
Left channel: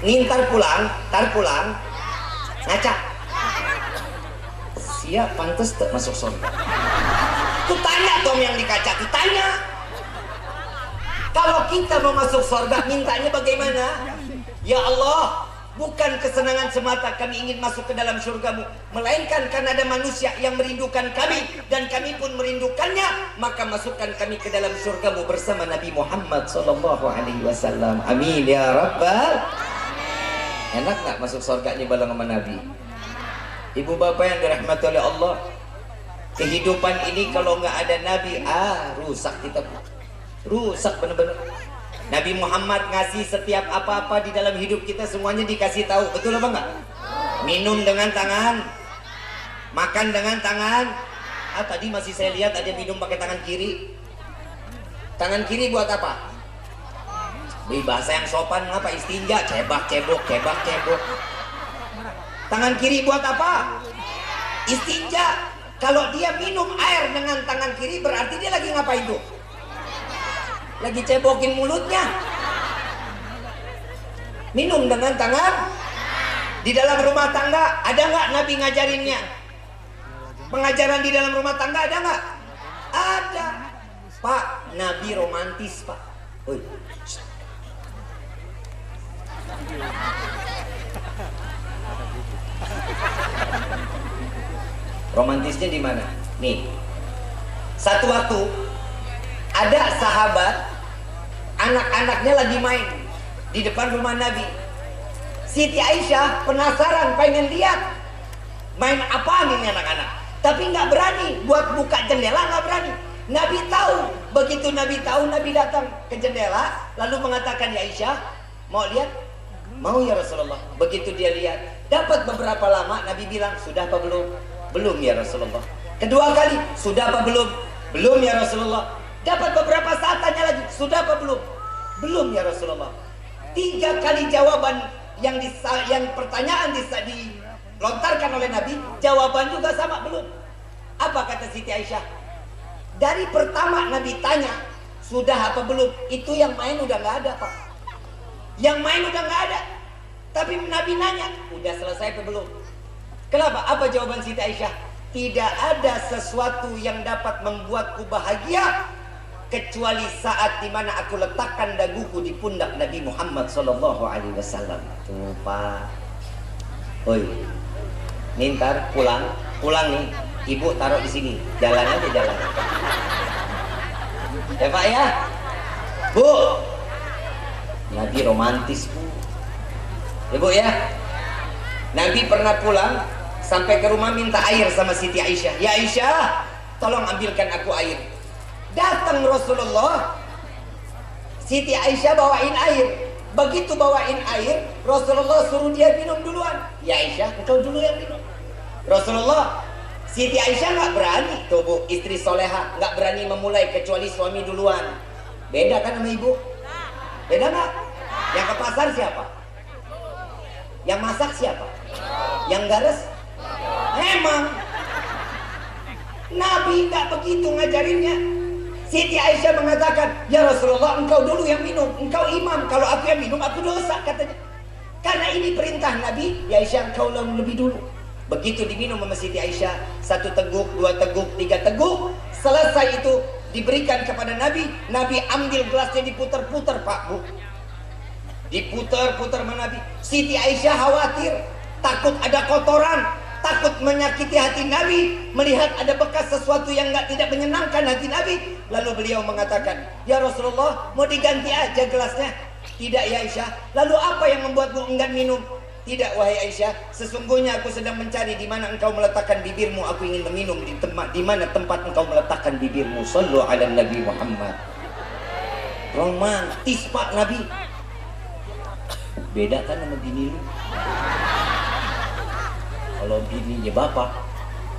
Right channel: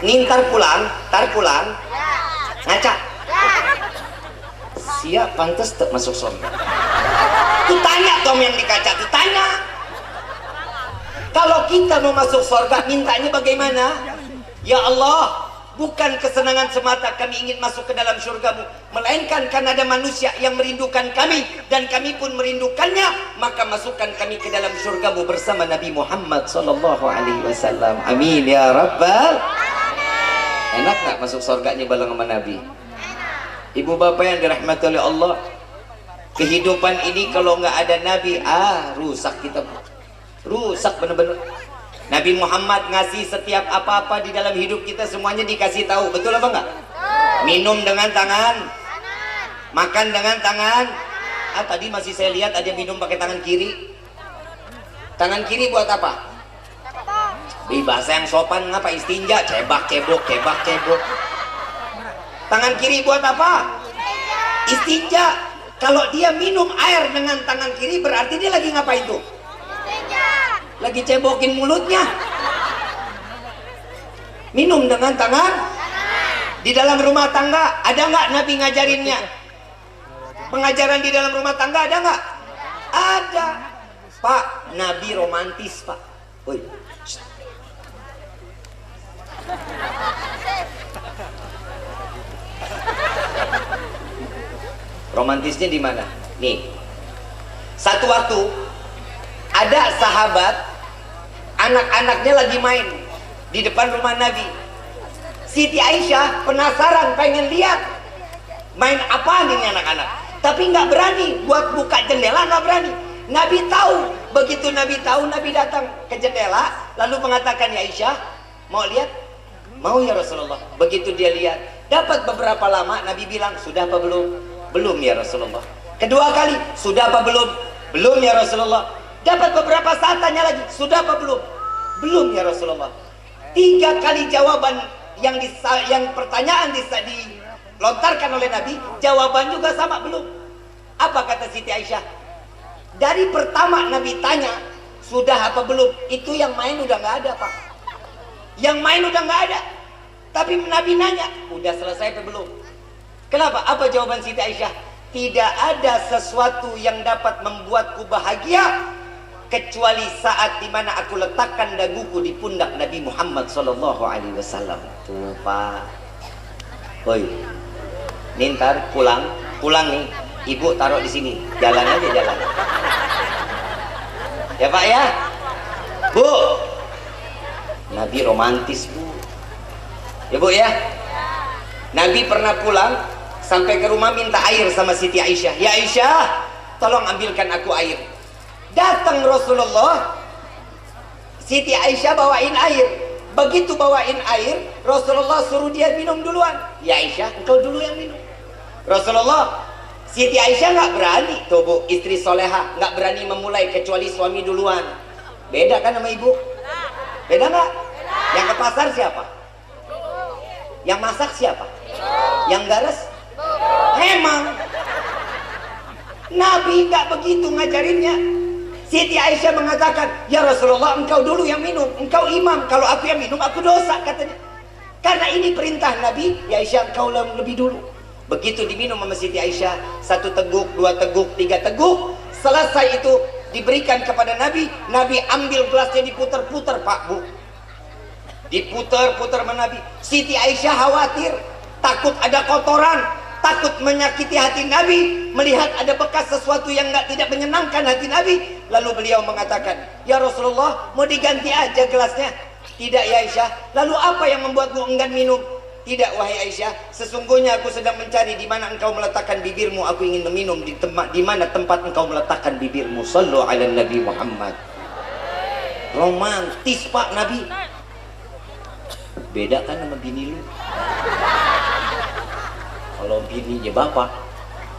Nih tar pulang ngaca. Siap pantes tak masuk surga. Tuh tanya dong yang di kaca, tuh tanya. Kalau kita mau masuk surga, mintanya bagaimana? Ya Allah, bukan kesenangan semata kami ingin masuk ke dalam surgamu, melainkan karena ada manusia yang merindukan kami dan kami pun merindukannya, maka masukkan kami ke dalam surgamu bersama Nabi Muhammad SAW. Amin ya Rabbal. Enak gak masuk surganya bareng sama Nabi? Ibu bapak yang dirahmati oleh Allah, kehidupan ini kalau nggak ada Nabi, rusak kita, rusak bener-bener. Nabi Muhammad ngasih setiap apa-apa di dalam hidup kita semuanya dikasih tahu, betul apa enggak? Minum dengan tangan, makan dengan tangan. Tadi masih saya lihat ada minum pakai tangan kiri. Tangan kiri buat apa? Bahasa yang sopan ngapa? Istinja, cebak cebok. Tangan kiri buat apa? Istinja. Kalau dia minum air dengan tangan kiri berarti dia lagi ngapain tuh? Lagi cebokin mulutnya. Minum dengan tangan. Di dalam rumah tangga ada nggak Nabi ngajarinnya? Pengajaran di dalam rumah tangga ada nggak? Ada. Pak, Nabi romantis pak. Woi. Romantisnya di mana? Nih, satu waktu ada sahabat, anak-anaknya lagi main di depan rumah Nabi. Siti Aisyah penasaran, pengen lihat main apaan ini anak-anak, tapi nggak berani buat buka jendela, nggak berani. Nabi tahu, begitu Nabi tahu, Nabi datang ke jendela, lalu mengatakan, ya Aisyah, mau lihat? Mau ya Rasulullah. Begitu dia lihat, dapat beberapa lama, Nabi bilang, sudah apa belum? Belum ya Rasulullah. Kedua kali, sudah apa belum? Belum ya Rasulullah. Dapat beberapa saat tanya lagi, sudah apa belum? Belum ya Rasulullah. 3 kali jawaban yang pertanyaan dilontarkan oleh Nabi, jawaban juga sama, belum. Apa kata Siti Aisyah? Dari pertama Nabi tanya, sudah apa belum? Itu yang main udah nggak ada pak. Yang main udah nggak ada. Tapi Nabi nanya, udah selesai apa belum? Kenapa? Apa jawaban Siti Aisyah? Tidak ada sesuatu yang dapat membuatku bahagia kecuali saat dimana aku letakkan daguku di pundak Nabi Muhammad SAW. Tuh pak. Oi, ntar pulang nih. Ibu taruh di sini. Jalan aja jalan. Ya pak ya. Bu. Nabi romantis bu. Ya bu ya. Nabi pernah pulang sampai ke rumah minta air sama Siti Aisyah. Ya Aisyah, tolong ambilkan aku air. Datang Rasulullah, Siti Aisyah bawain air. Begitu bawain air, Rasulullah suruh dia minum duluan. Ya Aisyah, engkau dulu yang minum. Rasulullah, Siti Aisyah nggak berani. Tuh bu, istri soleha nggak berani memulai kecuali suami duluan. Beda kan sama ibu? Beda nggak? Yang ke pasar siapa? Yang masak siapa? Yang garis? Emang Nabi nggak begitu ngajarinnya. Siti Aisyah mengatakan, ya Rasulullah, engkau dulu yang minum, engkau imam, kalau aku yang minum aku dosa katanya. Karena ini perintah Nabi, ya Aisyah engkau lebih dulu. Begitu diminum sama Siti Aisyah, 1 teguk, 2 teguk, 3 teguk, selesai itu diberikan kepada Nabi. Nabi ambil gelasnya, diputer-puter pak bu, diputer-puter sama Nabi. Siti Aisyah khawatir, takut ada kotoran, takut menyakiti hati Nabi, melihat ada bekas sesuatu yang tidak menyenangkan hati Nabi. Lalu beliau mengatakan, ya Rasulullah, mau diganti aja gelasnya. Tidak ya Aisyah. Lalu apa yang membuatmu enggan minum? Tidak wahai Aisyah, sesungguhnya aku sedang mencari di mana engkau meletakkan bibirmu. Aku ingin meminum di mana tempat engkau meletakkan bibirmu. Sallu ala Nabi Muhammad. Romantis pak Nabi. Beda kan sama bini lu. Kalau bininya bapak,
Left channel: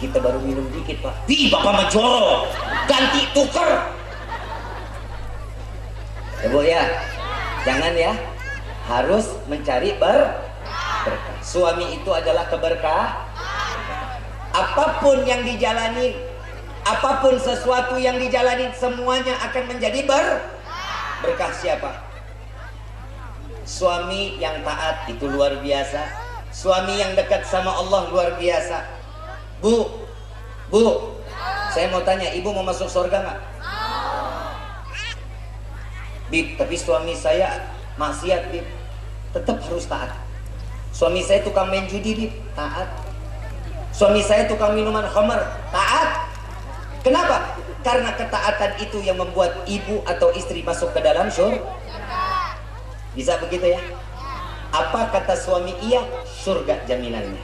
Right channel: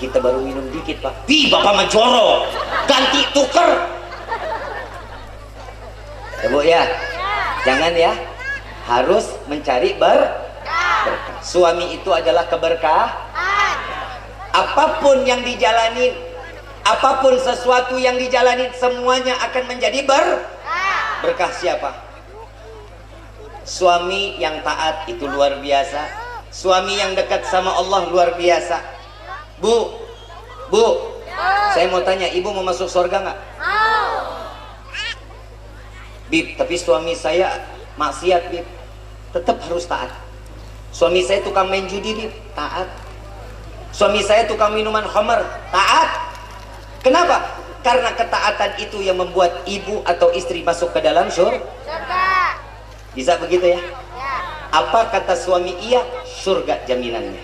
kita baru minum dikit pak. Bapak mah jorok, ganti tuker. Ya Bu ya, jangan ya, harus mencari berkah. Suami itu adalah keberkah. Apapun yang dijalanin, apapun sesuatu yang dijalanin, semuanya akan menjadi berkah. Siapa? Suami yang taat itu luar biasa. Suami yang dekat sama Allah luar biasa. Bu, saya mau tanya, ibu mau masuk surga nggak? Bib, tapi suami saya maksiat, Bib. Tetap harus taat. Suami saya tukang main judi, Bib. Taat. Suami saya tukang minuman khamar. Taat. Kenapa? Karena ketaatan itu yang membuat ibu atau istri masuk ke dalam surga. Bisa begitu ya? Apa kata suami? Iya, surga jaminannya.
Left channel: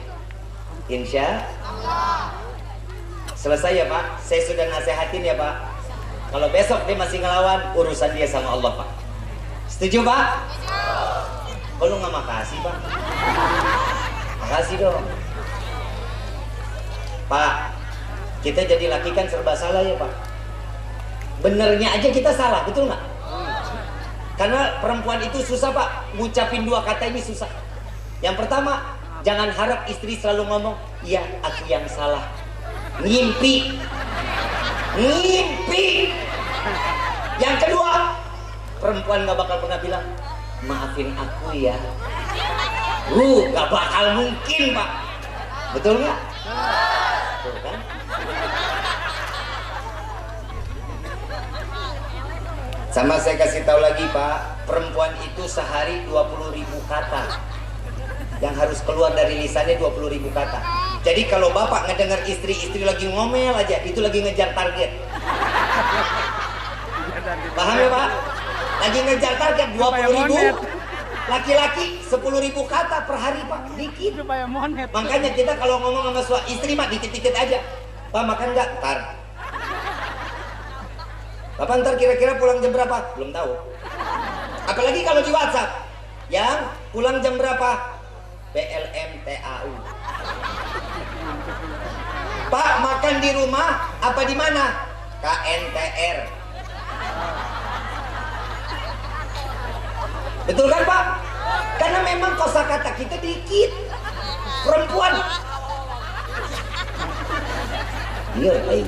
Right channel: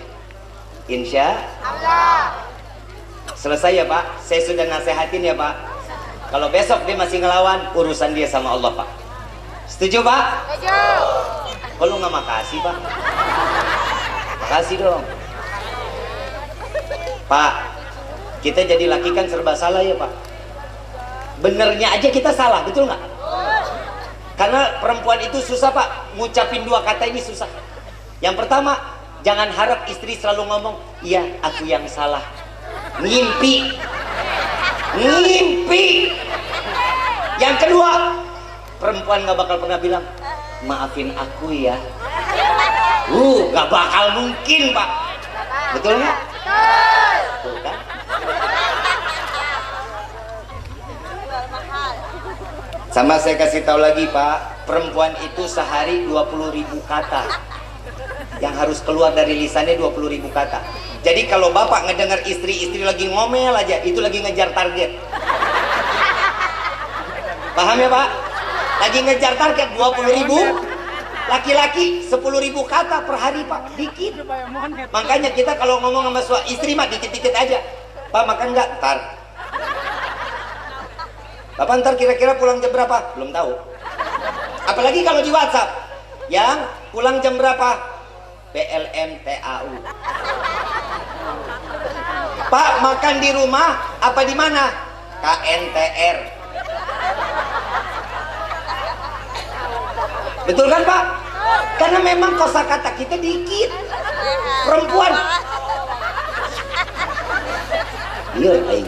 Insya Allah. Selesai ya Pak? Saya sudah nasehatin ya Pak. Kalau besok dia masih ngelawan, urusan dia sama Allah Pak. Setuju Pak? Setuju. Kalau nggak makasih Pak. Makasih dong. Pak, kita jadi laki kan serba salah ya Pak. Benernya aja kita salah, betul nggak? Karena perempuan itu susah Pak. Ngucapin dua kata ini susah. Yang pertama, jangan harap istri selalu ngomong, iya aku yang salah. Ngimpi. Yang kedua, perempuan gak bakal pernah bilang maafin aku ya. Gak bakal mungkin Pak. Betul nggak? Betul kan? Sama saya kasih tahu lagi Pak, perempuan itu sehari 20.000 kata yang harus keluar dari lisannya, 20.000 kata. Jadi kalau bapak ngedengar istri lagi ngomel aja, itu lagi ngejar target. Paham ya Pak? Lagi ngejar target 20.000. Laki-laki 10.000 kata per hari Pak, dikit. Makanya kita kalau ngomong sama istri mah dikit-dikit aja. Pak makan nggak? Tar. Bapak ntar kira-kira pulang jam berapa? Belum tahu. Apalagi kalau di WhatsApp, yang pulang jam berapa? BLM TAU. Pak makan di rumah apa di mana? KNTR. Betul kan Pak? Karena memang kosakata kita dikit. Perempuan. Iya, baik.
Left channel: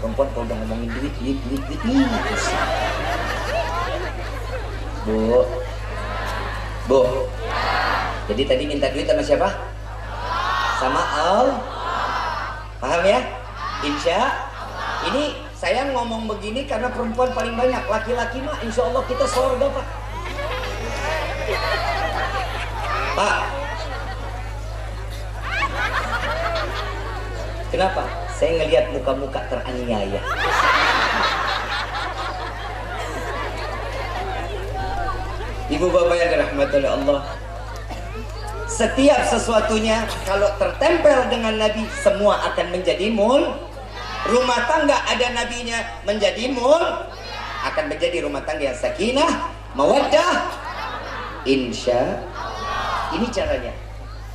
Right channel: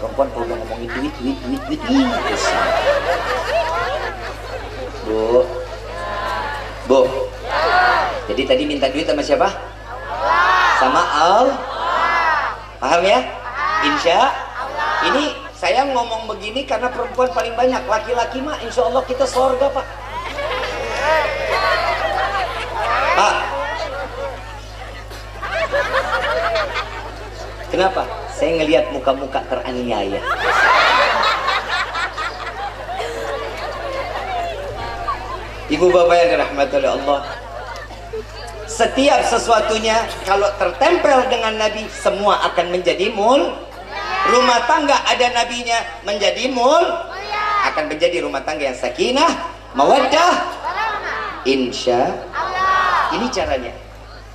Perempuan kalau udah ngomongin duit. Bu. Jadi tadi minta duit sama siapa? Sama Allah. Paham ya? Insya Allah. Ini saya ngomong begini karena perempuan paling banyak. Laki-laki mah insya Allah kita surga Pak. Pak. Kenapa? Saya ngelihat muka-muka teraniaya. Ibu bapak yang dirahmati oleh Allah, setiap sesuatunya kalau tertempel dengan Nabi, semua akan menjadi mul. Rumah tangga ada nabinya menjadi mul, akan menjadi rumah tangga yang sakinah, mawaddah, insya Allah. Ini caranya.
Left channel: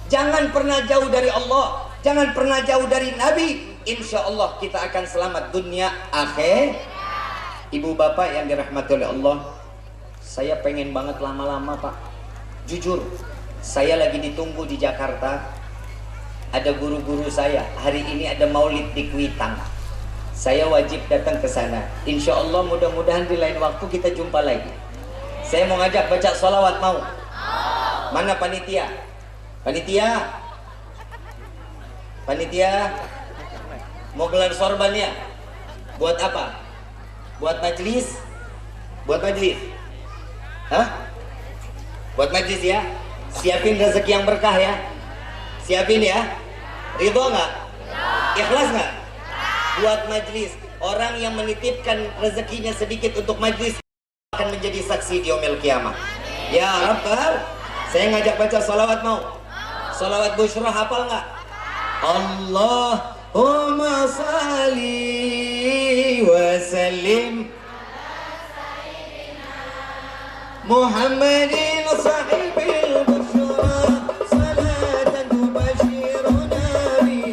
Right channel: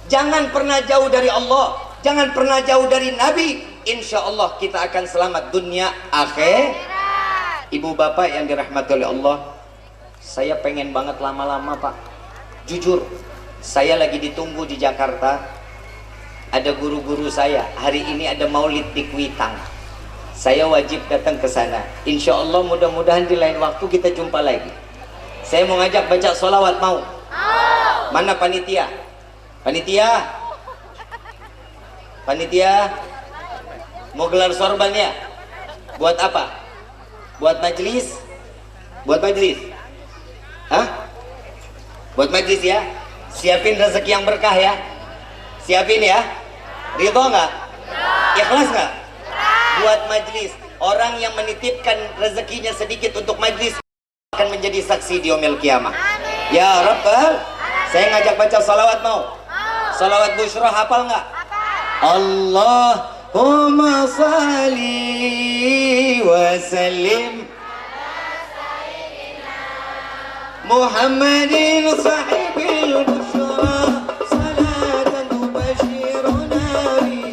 Jangan pernah jauh dari Allah, jangan pernah jauh dari Nabi. Insya Allah kita akan selamat dunia akhir. Ibu bapak yang dirahmati oleh Allah, saya pengen banget lama-lama Pak. Jujur, saya lagi ditunggu di Jakarta. Ada guru-guru saya. Hari ini ada maulid di Kuitang. Saya wajib datang ke sana. Insya Allah mudah-mudahan di lain waktu kita jumpa lagi. Saya mau ngajak baca sholawat, mau? Mana panitia? Panitia mau gelar sorban ya? Buat apa? Buat majelis? Hah? Buat majelis ya? Siapin rezeki yang berkah ya? Siapin ya? Ridho nggak? Ikhlas nggak? Buat majelis. Orang yang menitipkan rezekinya sedikit untuk majelis akan menjadi saksi di yaumil kiamah. Ya Rabbal, saya ngajak baca salawat, mau? Salawat Bushra hafal nggak? Allahumma salli wa sallim Muhammadin sahibil bushra salatan tubashiruna bi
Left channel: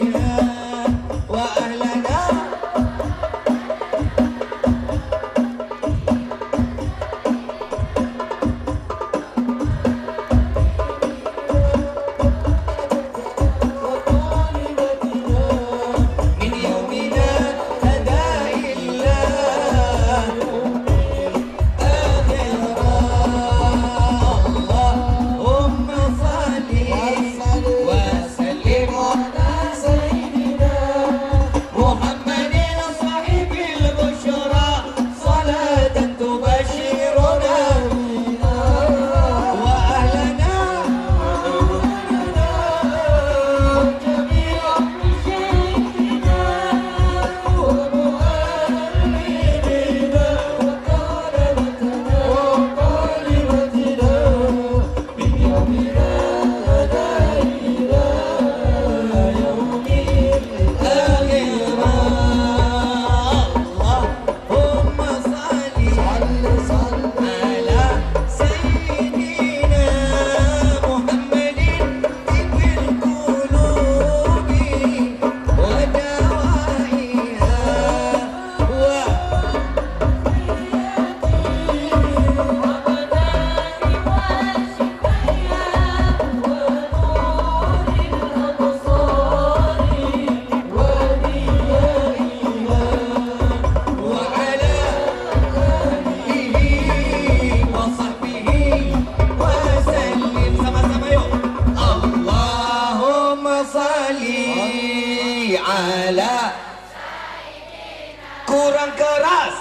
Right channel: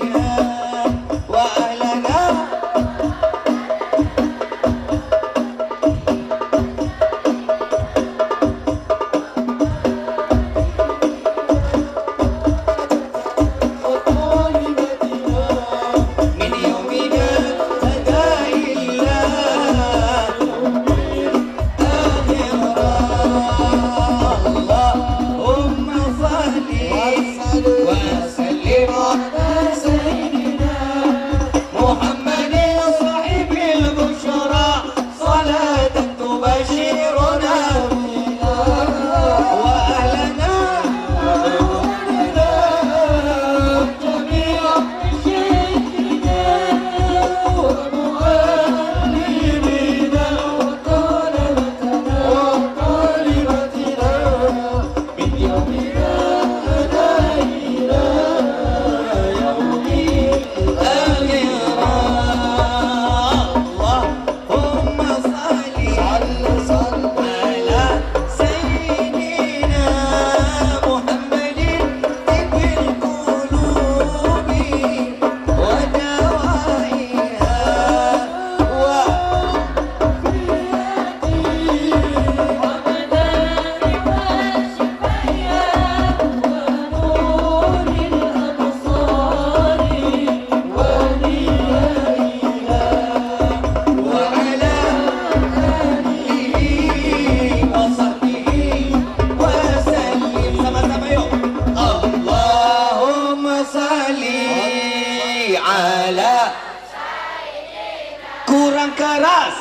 yang keras.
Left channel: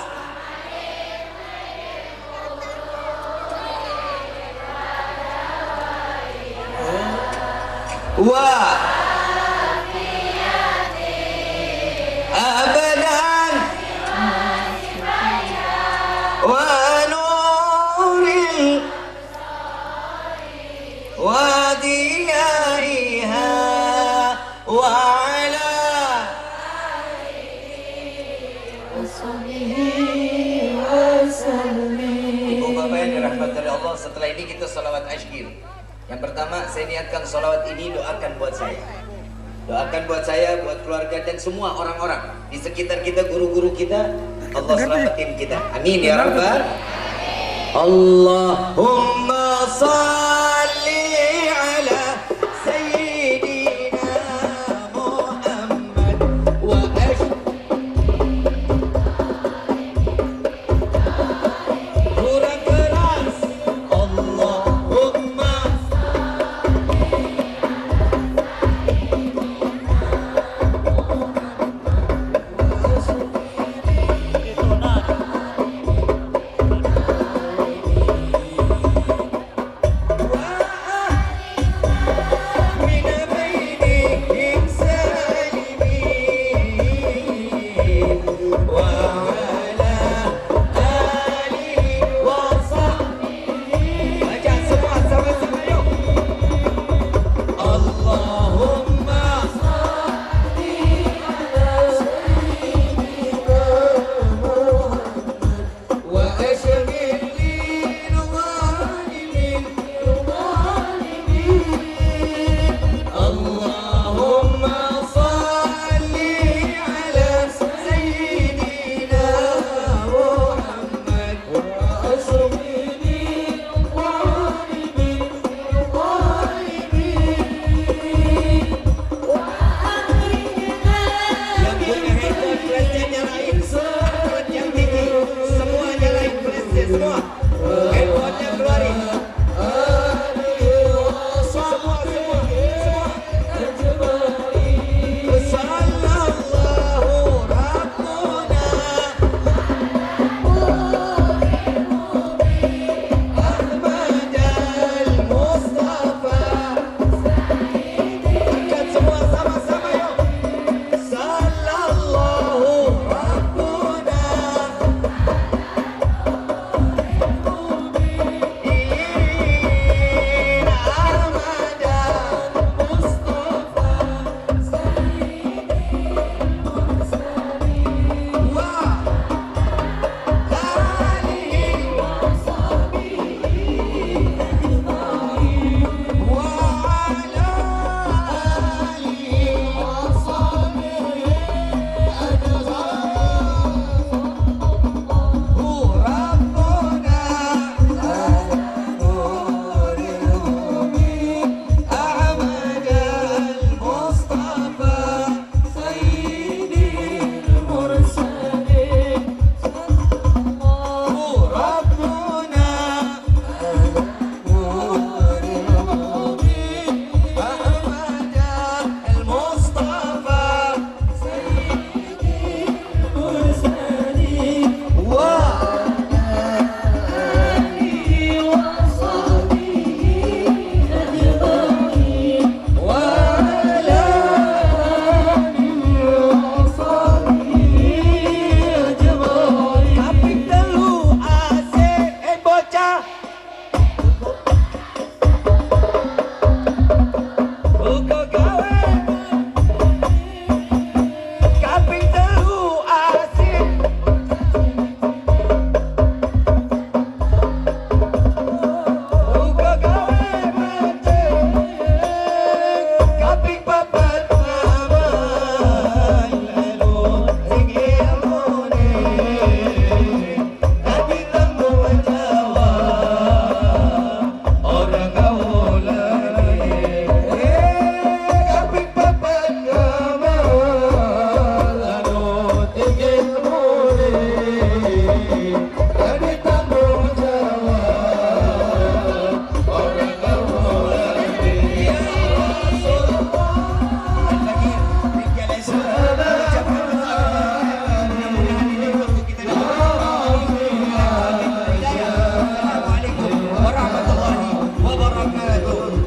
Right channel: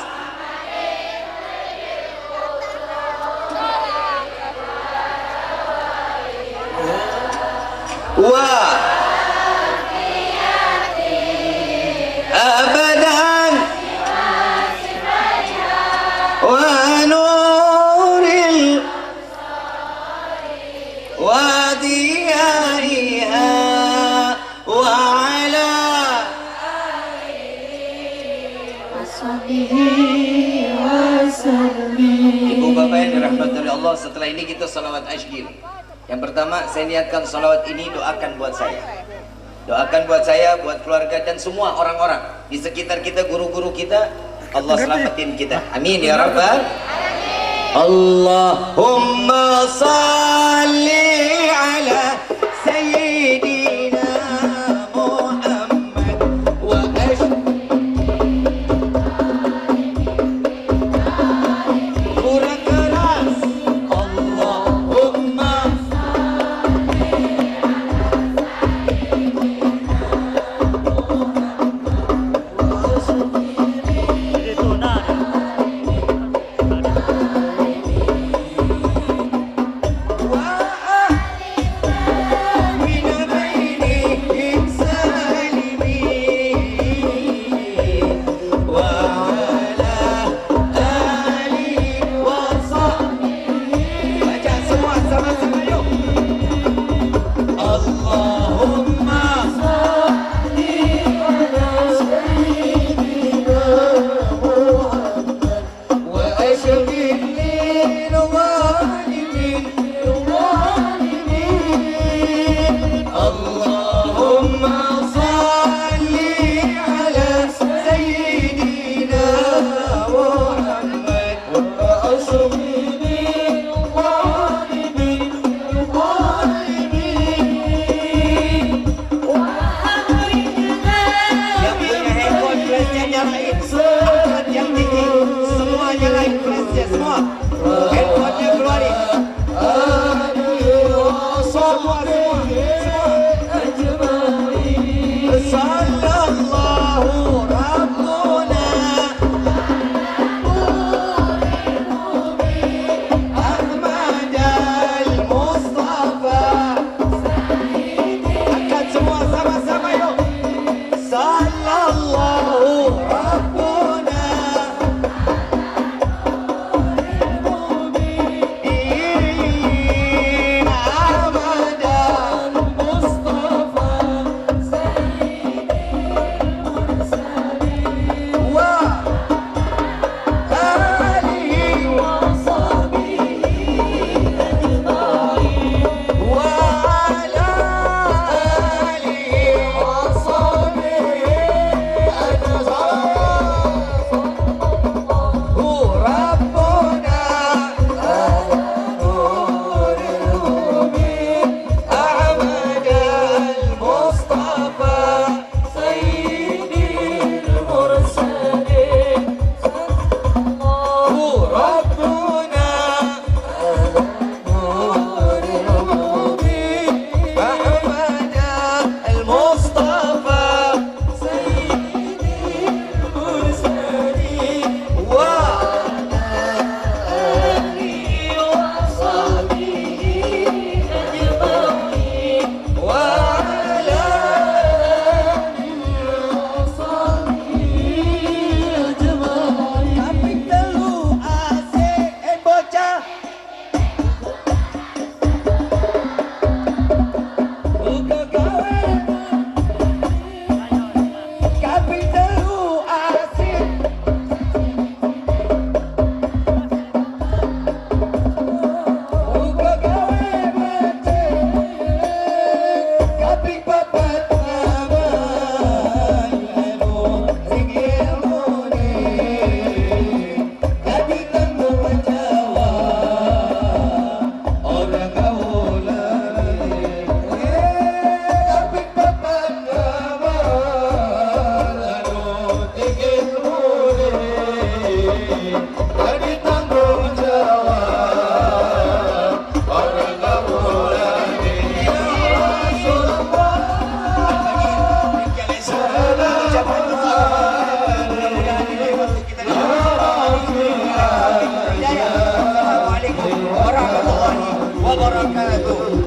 Wa abadan wa nuril wa diyaiha wa ala Ibu bapak yang dirahmati oleh Allah, setelah ini kita salawat asyir. Yang pertama saya niatkan salawat ini, doakan buat saya, doakan buat saya, buat keluarga dan semua orang-orang di sekitar kita, guru-guru kita. Allah selamatin kita, amin ya rabbal. Allahumma salli ala sayyidina Muhammad wa kurang keras. Allahumma